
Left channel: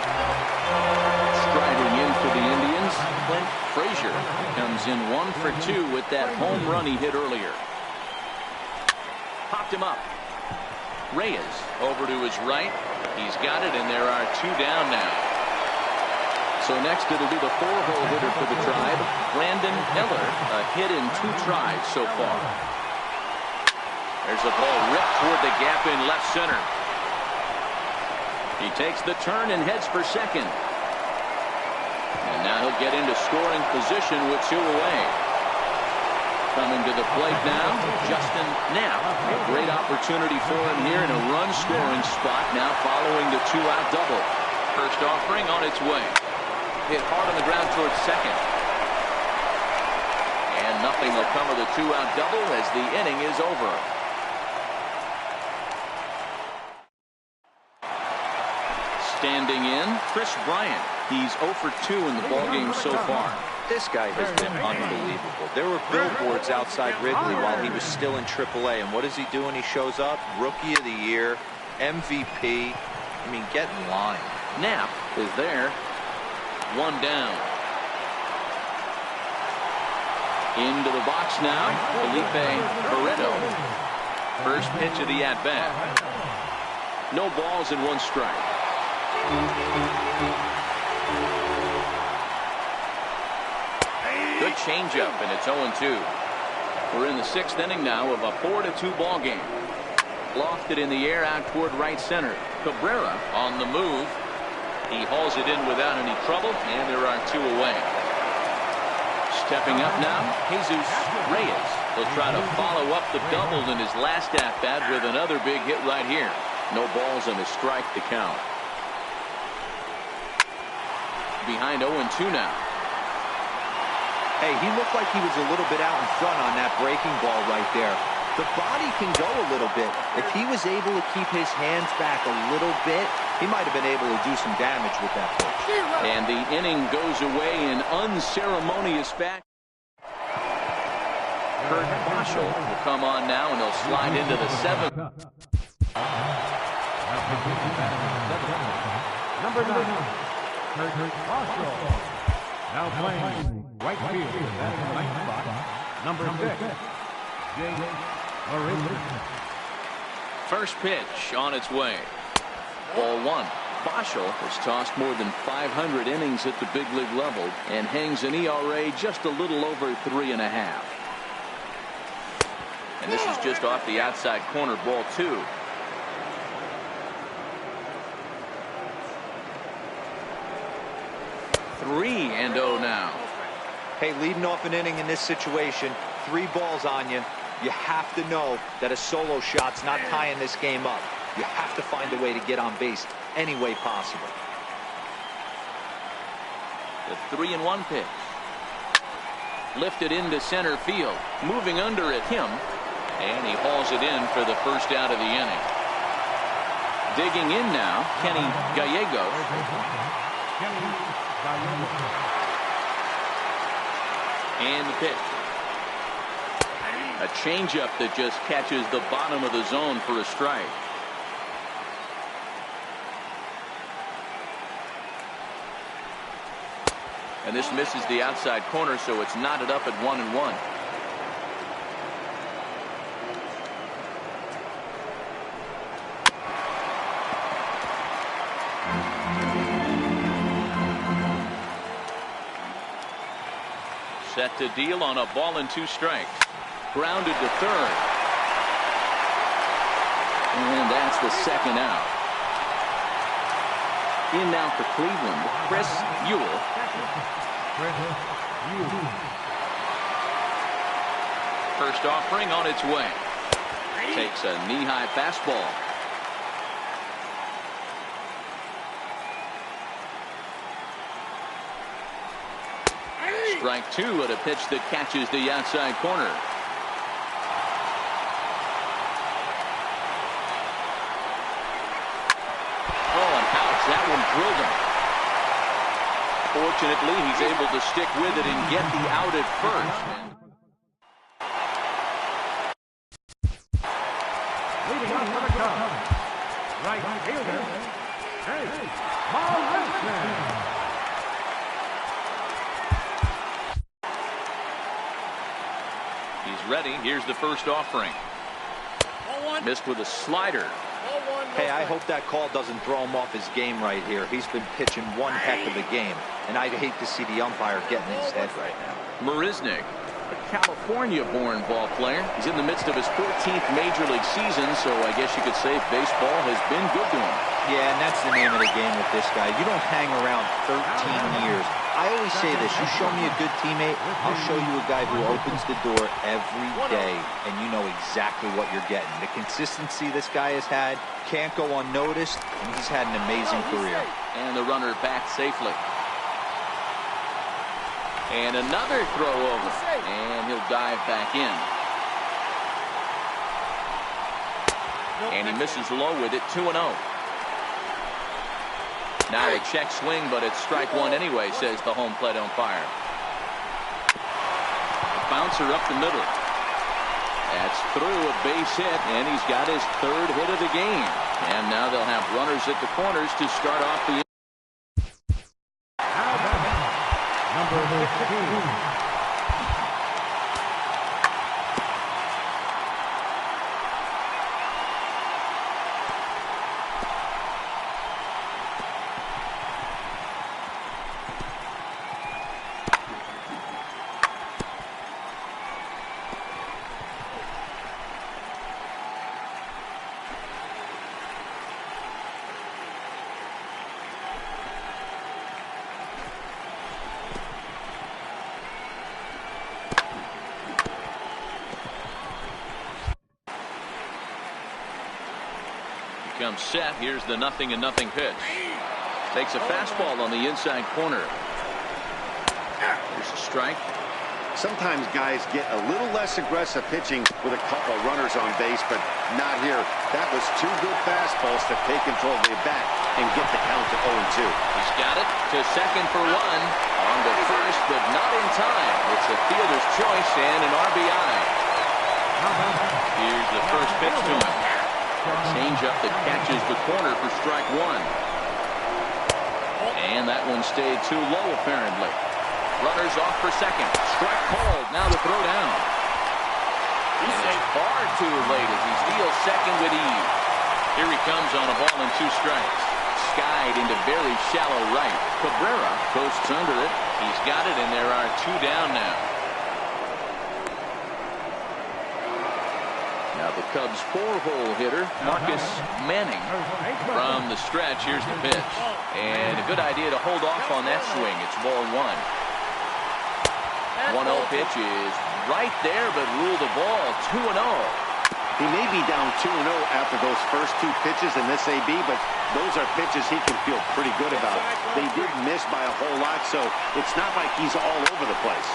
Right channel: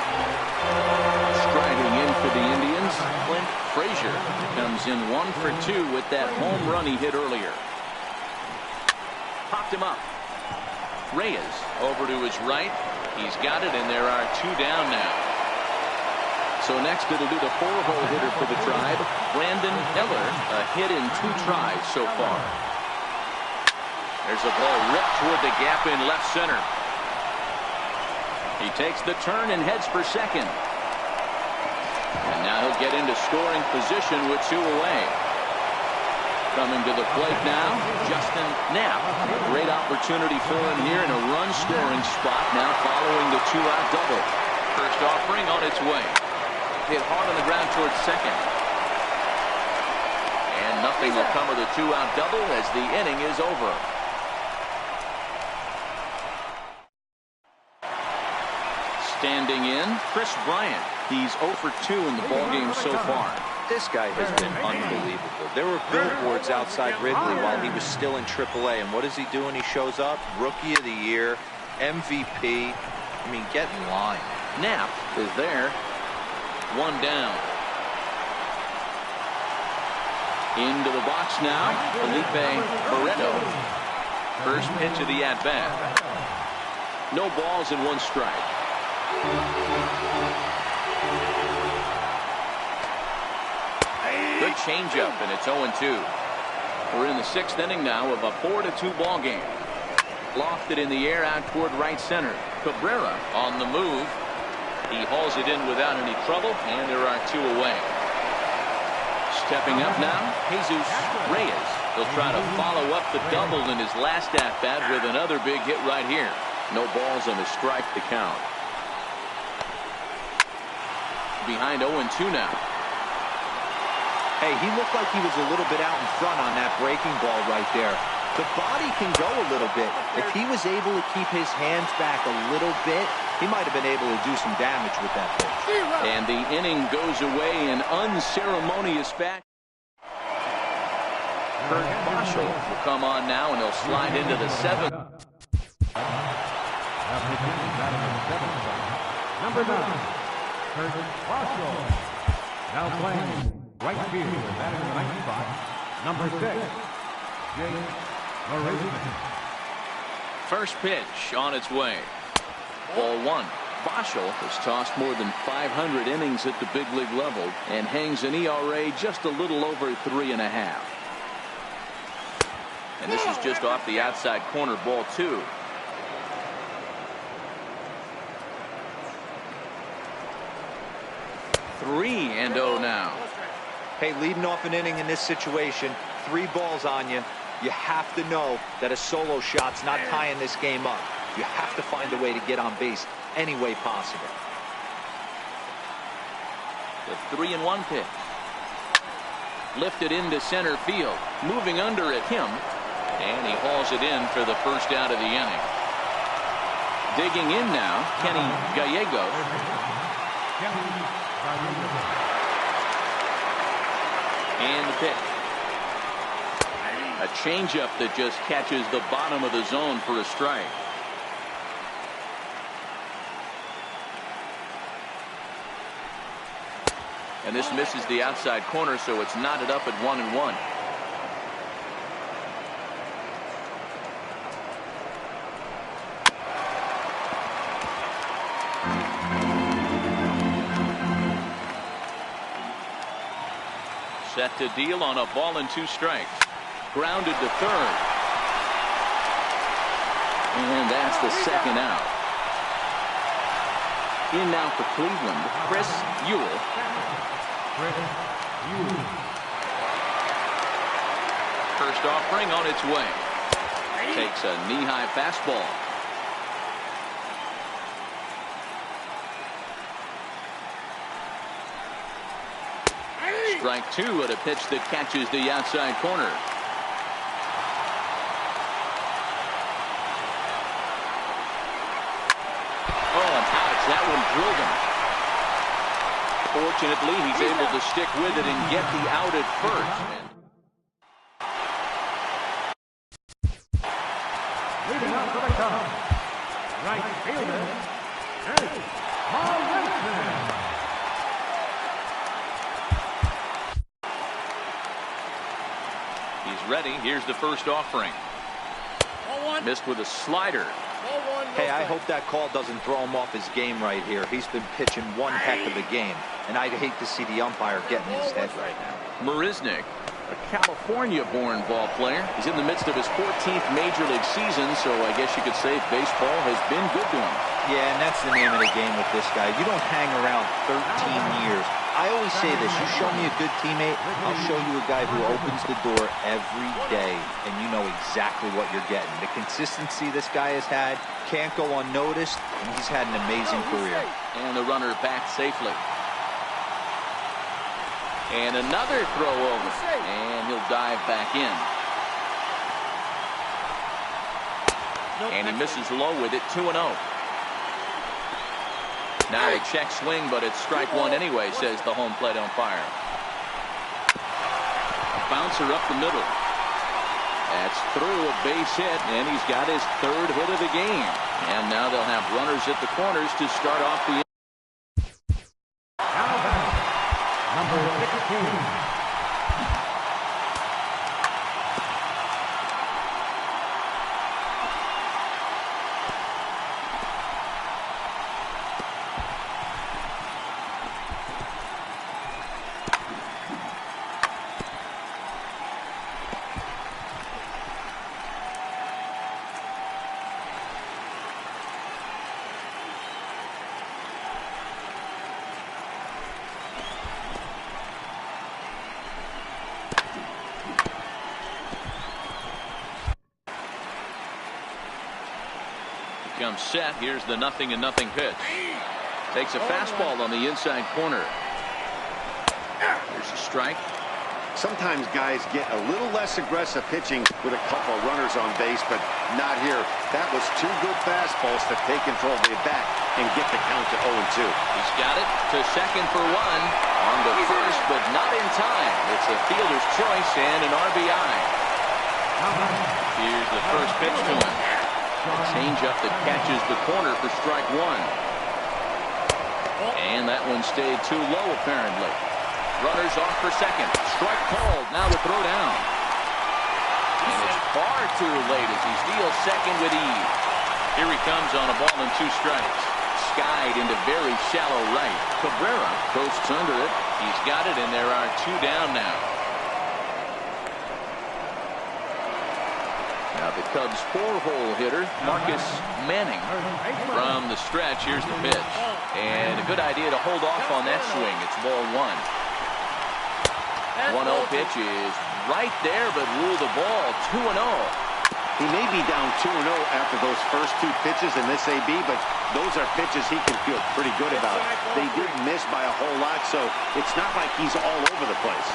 Striding in for the Indians, Clint Frazier comes in 1 for 2 with that home run he hit earlier. Popped him up. Reyes over to his right. He's got it, and there are 2 down now. So next it'll be the 4-hole hitter for the Tribe, Brandon Eller, a hit in 2 tries so far. There's a ball ripped toward the gap in left center. He takes the turn and heads for second. And now he'll get into scoring position with 2 away. Coming to the plate now, Justin Knapp. A great opportunity for him here in a run-scoring spot now following the 2-out double. First offering on its way. Hit hard on the ground towards second. And nothing will come of the 2-out double as the inning is over. Standing in, Chris Bryant. He's 0 for 2 in the ballgame so far. This guy has been unbelievable. There were billboards outside Wrigley while he was still in AAA. And what does he do when he shows up? Rookie of the Year, MVP. I mean, get in line. Knapp is there. 1 down. Into the box now, Felipe Barreto. First pitch of the at-bat. No balls and 1 strike. Good changeup, and it's 0-2. We're in the 6th inning now of a 4-2 ball game. Lofted in the air out toward right center. Cabrera on the move. He hauls it in without any trouble, and there are 2 away. Stepping up now, Jesus Reyes. He'll try to follow up the double in his last at-bat with another big hit right here. No balls and a strike to count. Behind 0-2 now. Hey, he looked like he was a little bit out in front on that breaking ball right there. The body can go a little bit. If he was able to keep his hands back a little bit, he might have been able to do some damage with that pitch. And the inning goes away in unceremonious fashion. Kurt Boschel will come on now, and he'll slide into the 7th. Now pitching and batting in the 7th spot, number 9, Kurt Boschel. Now playing right field and batting in the 9th spot, number 6, Jake Marisnik. First pitch on its way. Ball 1. Boschel has tossed more than 500 innings at the big league level and hangs an ERA just a little over 3.5. And this is just off the outside corner, ball 2. Three and 0 now. Hey, leading off an inning in this situation, 3 balls on you. You have to know that a solo shot's not tying this game up. You have to find a way to get on base any way possible. The 3-1 pitch. Lifted into center field. Moving under it, him. And he hauls it in for the first out of the inning. Digging in now, Kenny Gallegos. And the pitch. A changeup that just catches the bottom of the zone for a strike. And this misses the outside corner, so it's knotted up at 1-1. Set to deal on a ball and 2 strikes. Grounded to third. And that's the second out. In now for Cleveland, Chris Ewell. First offering on its way. Takes a knee-high fastball. Strike 2 at a pitch that catches the outside corner. Oh, and ouch. That one drilled him. Fortunately, he's able to stick with it and get the out at first. Leading off for the Cubs, right fielder, Jake Marisnik. He's ready. Here's the first offering. Missed with a slider. Hey, I hope that call doesn't throw him off his game right here. He's been pitching one heck of a game, and I'd hate to see the umpire get in his head right now. Marisnik, a California-born ball player. He's in the midst of his 14th Major League season, so I guess you could say baseball has been good to him. Yeah, and that's the name of the game with this guy. You don't hang around 13 years. I always say this, you show me a good teammate, I'll show you a guy who opens the door every day, and you know exactly what you're getting. The consistency this guy has had can't go unnoticed, and he's had an amazing career. And the runner back safely. And another throw over, and he'll dive back in. And he misses low with it, 2-0. Now a check swing, but it's strike 1 anyway, says the home plate umpire. A bouncer up the middle. That's through, a base hit, and he's got his 3rd hit of the game. And now they'll have runners at the corners to start off the inning. Now batting, number 16. Comes set. Here's the 0-0 pitch. Takes a fastball on the inside corner. Here's a strike. Sometimes guys get a little less aggressive pitching with a couple of runners on base, but not here. That was two good fastballs to take control of the bat and get the count to 0-2. He's got it to second for one. On to first, but not in time. It's a fielder's choice and an RBI. Here's the first pitch to him. A changeup that catches the corner for strike one. And that one stayed too low, apparently. Runners off for second. Strike called. Now the throw down. And it's far too late as he steals second with ease. Here he comes on a ball and 2 strikes. Skied into very shallow right. Cabrera coasts under it. He's got it, and there are 2 down now. Now the Cubs' 4-hole hitter, Marcus Manning. From the stretch, here's the pitch. And a good idea to hold off on that swing. It's ball 1. 1-0 pitch is right there, but rule the ball 2-0. He may be down 2-0 after those first 2 pitches in this AB, but those are pitches he can feel pretty good about. They didn't miss by a whole lot, so it's not like he's all over the place.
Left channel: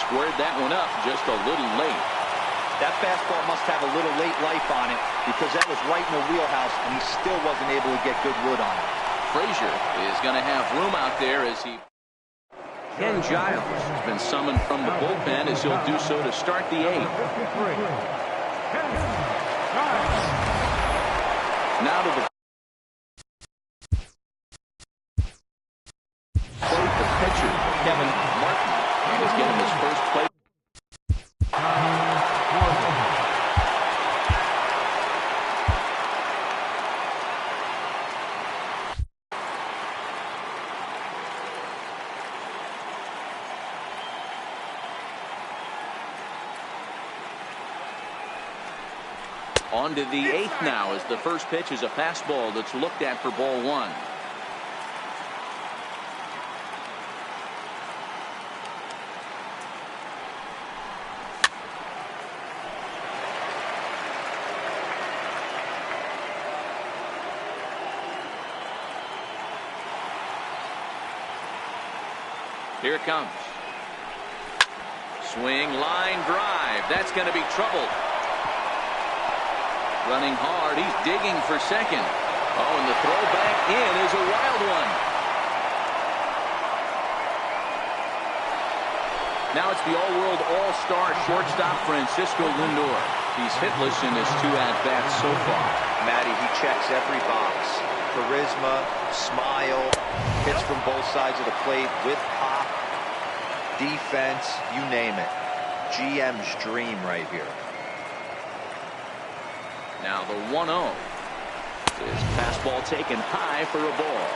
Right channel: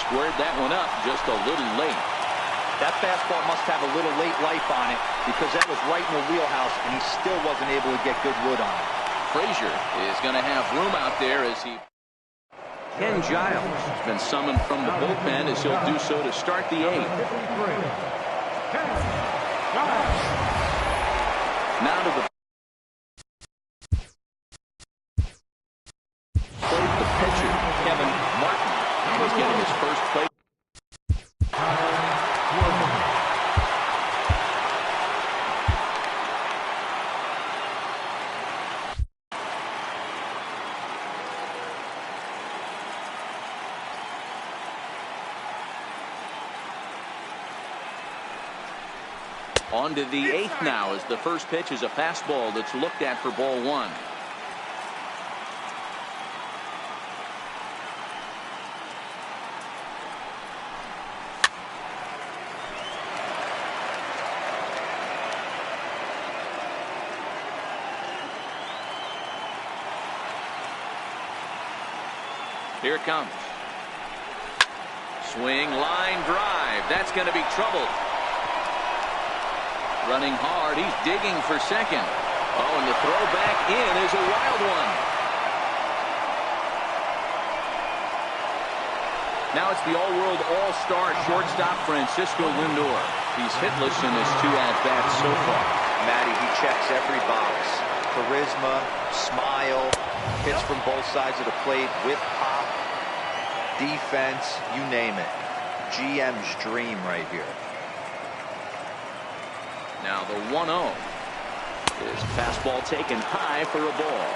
Squared that one up just a little late. That fastball must have a little late life on it because that was right in the wheelhouse, and he still wasn't able to get good wood on it. Frazier is going to have room out there as he... Ken Giles has been summoned from the bullpen as he'll do so to start the 8th. Now to the plate, the pitcher, Kevin Martin. And he's getting his first play. On to the 8th now as the first pitch is a fastball that's looked at for ball 1. Here it comes. Swing, line drive. That's going to be trouble. Running hard. He's digging for second. Oh, and the throw back in is a wild one. Now it's the all-world all-star shortstop Francisco Lindor. He's hitless in his 2 at-bats so far. Matty, he checks every box. Charisma, smile, hits from both sides of the plate with pop, defense, you name it. GM's dream right here. Now the 1-0 is fastball taken high for a ball.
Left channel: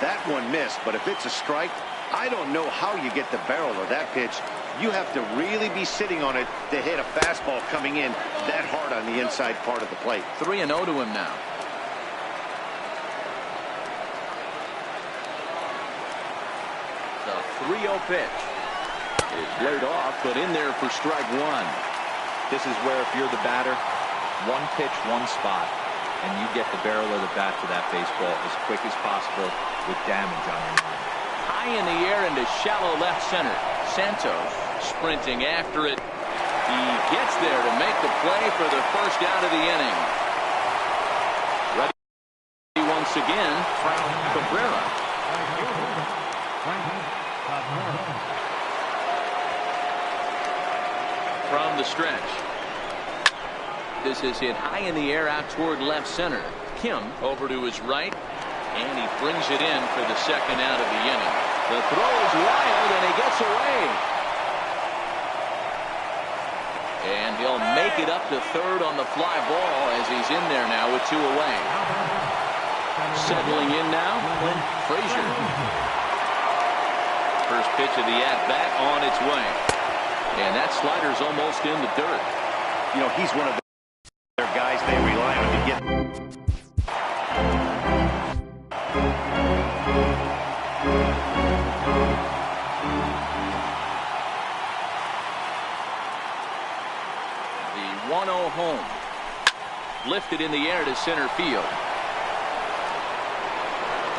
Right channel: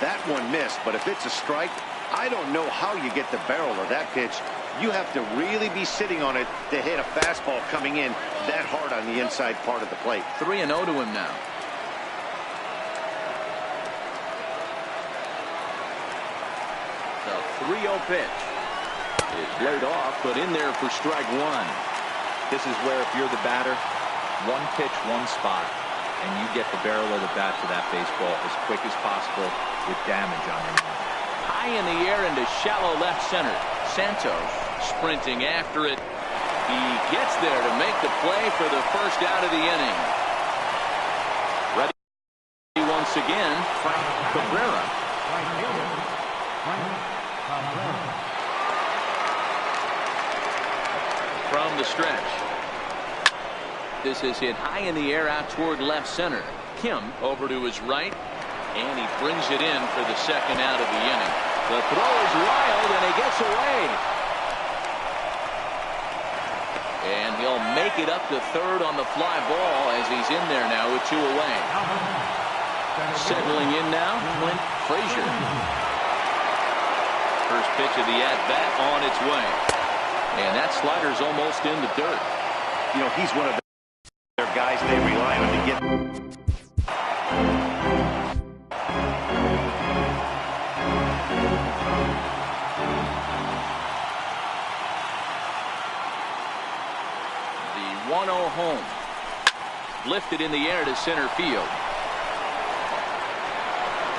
That one missed, but if it's a strike, I don't know how you get the barrel of that pitch. You have to really be sitting on it to hit a fastball coming in that hard on the inside part of the plate. 3-0 to him now. The 3-0 pitch is laid off, but in there for strike 1. This is where if you're the batter, 1 pitch, 1 spot, and you get the barrel of the bat to that baseball as quick as possible with damage on your mind. High in the air into shallow left center. Santos sprinting after it. He gets there to make the play for the first out of the inning. Ready once again, Frank Cabrera. From the stretch. This is hit high in the air out toward left center. Kim over to his right, and he brings it in for the second out of the inning. The throw is wild, and he gets away. And he'll make it up to third on the fly ball as he's in there now with 2 away. Settling in now, Clint Frazier. First pitch of the at-bat on its way. And that slider's almost in the dirt. You know, he's one of their guys they rely on to get. The 1-0 home. Lifted in the air to center field.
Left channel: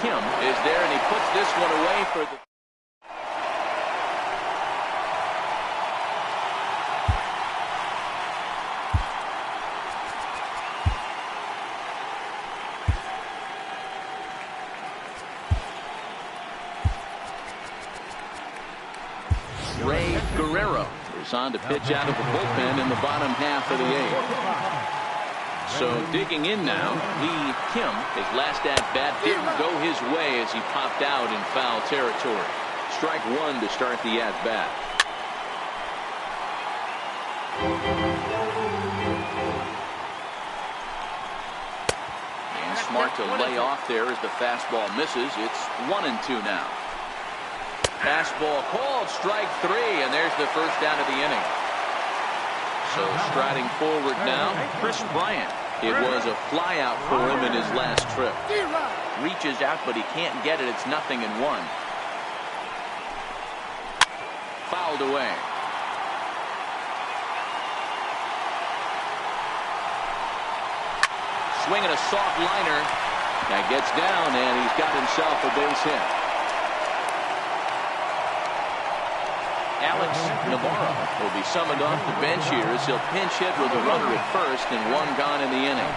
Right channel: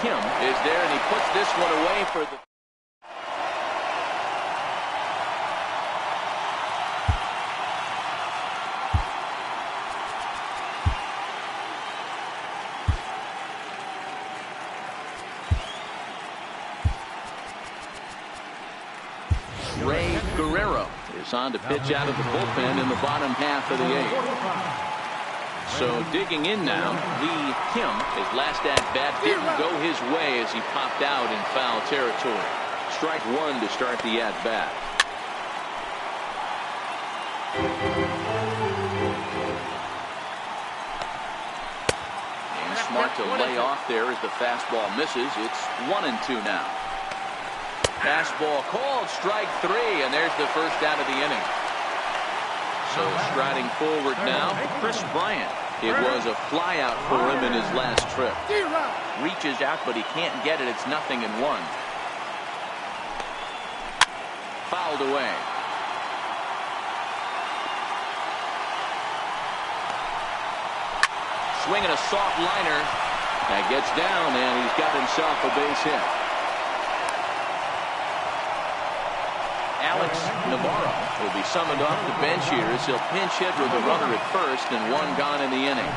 Kim is there, and he puts this one away for the... Cubs on to pitch out of the bullpen in the bottom half of the eighth. So digging in now, Lee Kim, his last at-bat didn't go his way as he popped out in foul territory. Strike one to start the at-bat. And smart to lay off there as the fastball misses. It's 1-2 now. Fastball called, strike three, and there's the first out of the inning. So striding forward now, Kris Bryant. It was a fly out for him in his last trip. Reaches out, but he can't get it. It's 0-1. Fouled away. Swinging a soft liner. That gets down, and he's got himself a base hit. Alex Navarro will be summoned off the bench here as he'll pinch hit with a runner at first and one gone in the inning.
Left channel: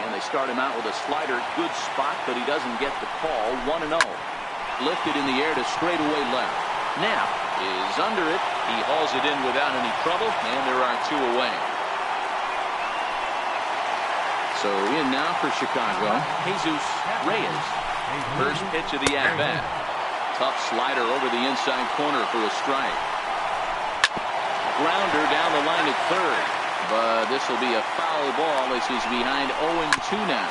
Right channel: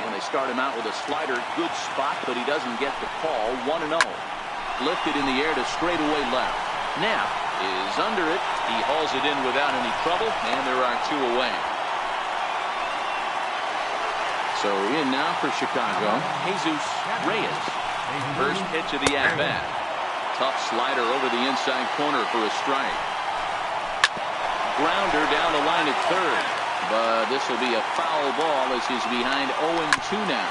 And they start him out with a slider. Good spot, but he doesn't get the call. 1-0. Lifted in the air to straightaway left. Knapp is under it. He hauls it in without any trouble, and there are two away. So in now for Chicago, Jesus Reyes. First pitch of the at-bat. Tough slider over the inside corner for a strike. Grounder down the line at third. But this will be a foul ball as he's behind 0-2 now.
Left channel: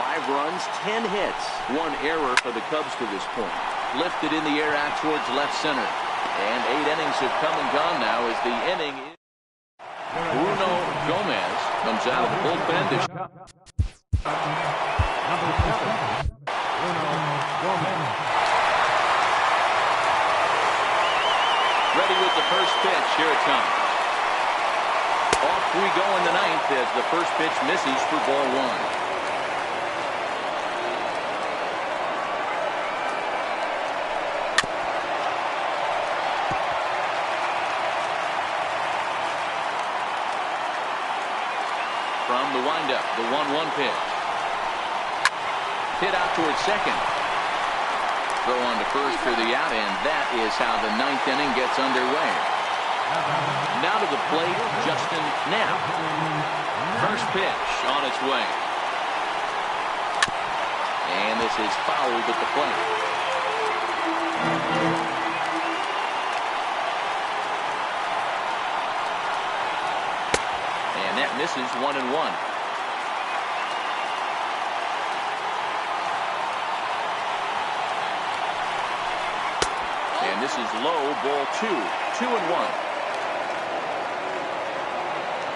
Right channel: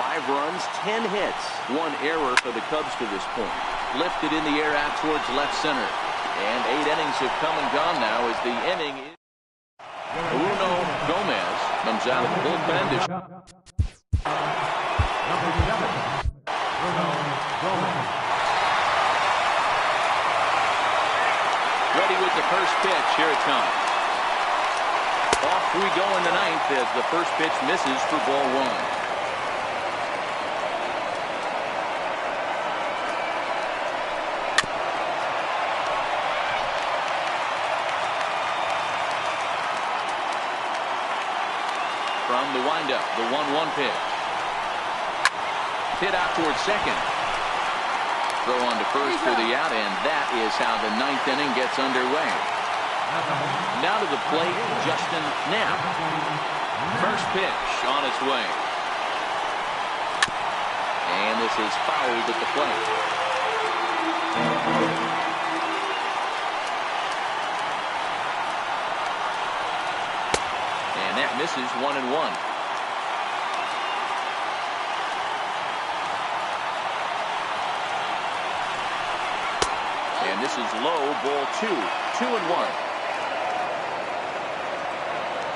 5 runs, 10 hits. 1 error for the Cubs to this point. Lifted in the air out towards left center. And 8 innings have come and gone now as the inning is. Bruno Gomez comes out of the bullpen to Number 7, Bruno Gomez. Ready with the first pitch. Here it comes. Off we go in the ninth as the first pitch misses for ball 1. From the windup, the 1-1 pitch. Hit out towards second. Throw on to first for the out, and that is how the 9th inning gets underway. Now to the plate, Justin Knapp. First pitch on its way. And this is fouled at the plate. And that misses 1-1. And this is low, ball 2. 2-1.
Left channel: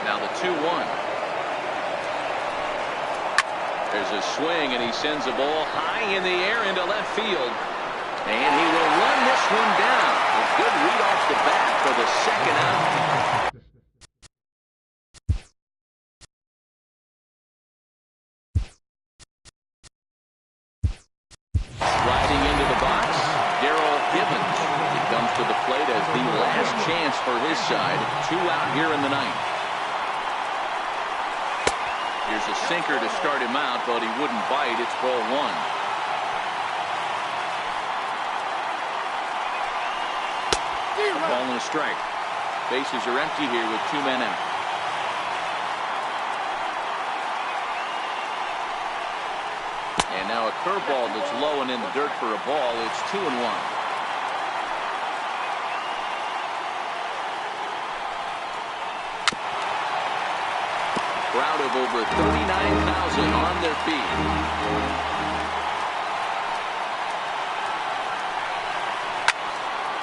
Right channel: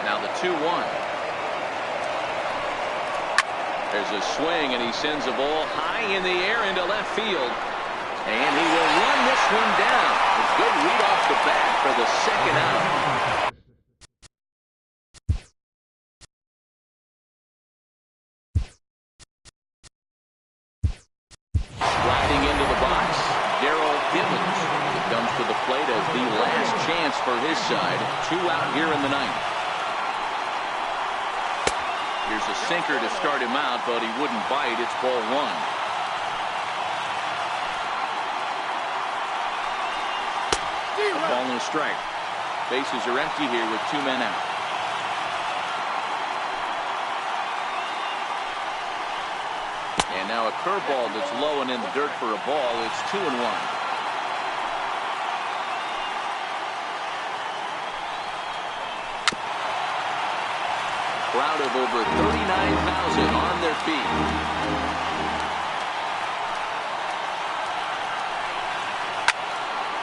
Now the 2-1. There's a swing, and he sends a ball high in the air into left field. And he will run this one down. A good read off the bat for the second out. Riding into the box, Darrell Givens. He comes to the plate as the last chance for his side. 2 out here in the 9th. Here's a sinker to start him out, but he wouldn't bite. It's ball 1. A ball and a strike. Bases are empty here with 2 men out. And now a curveball that's low and in the dirt for a ball. It's 2-1. Crowd of over 39,000 on their feet.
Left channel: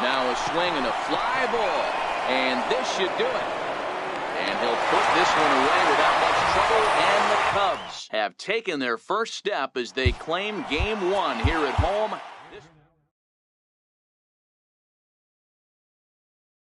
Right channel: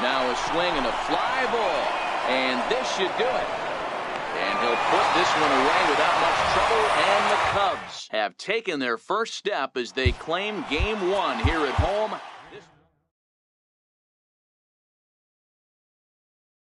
Now a swing and a fly ball. And this should do it. And he'll put this one away without much trouble. And the Cubs have taken their first step as they claim Game 1 here at home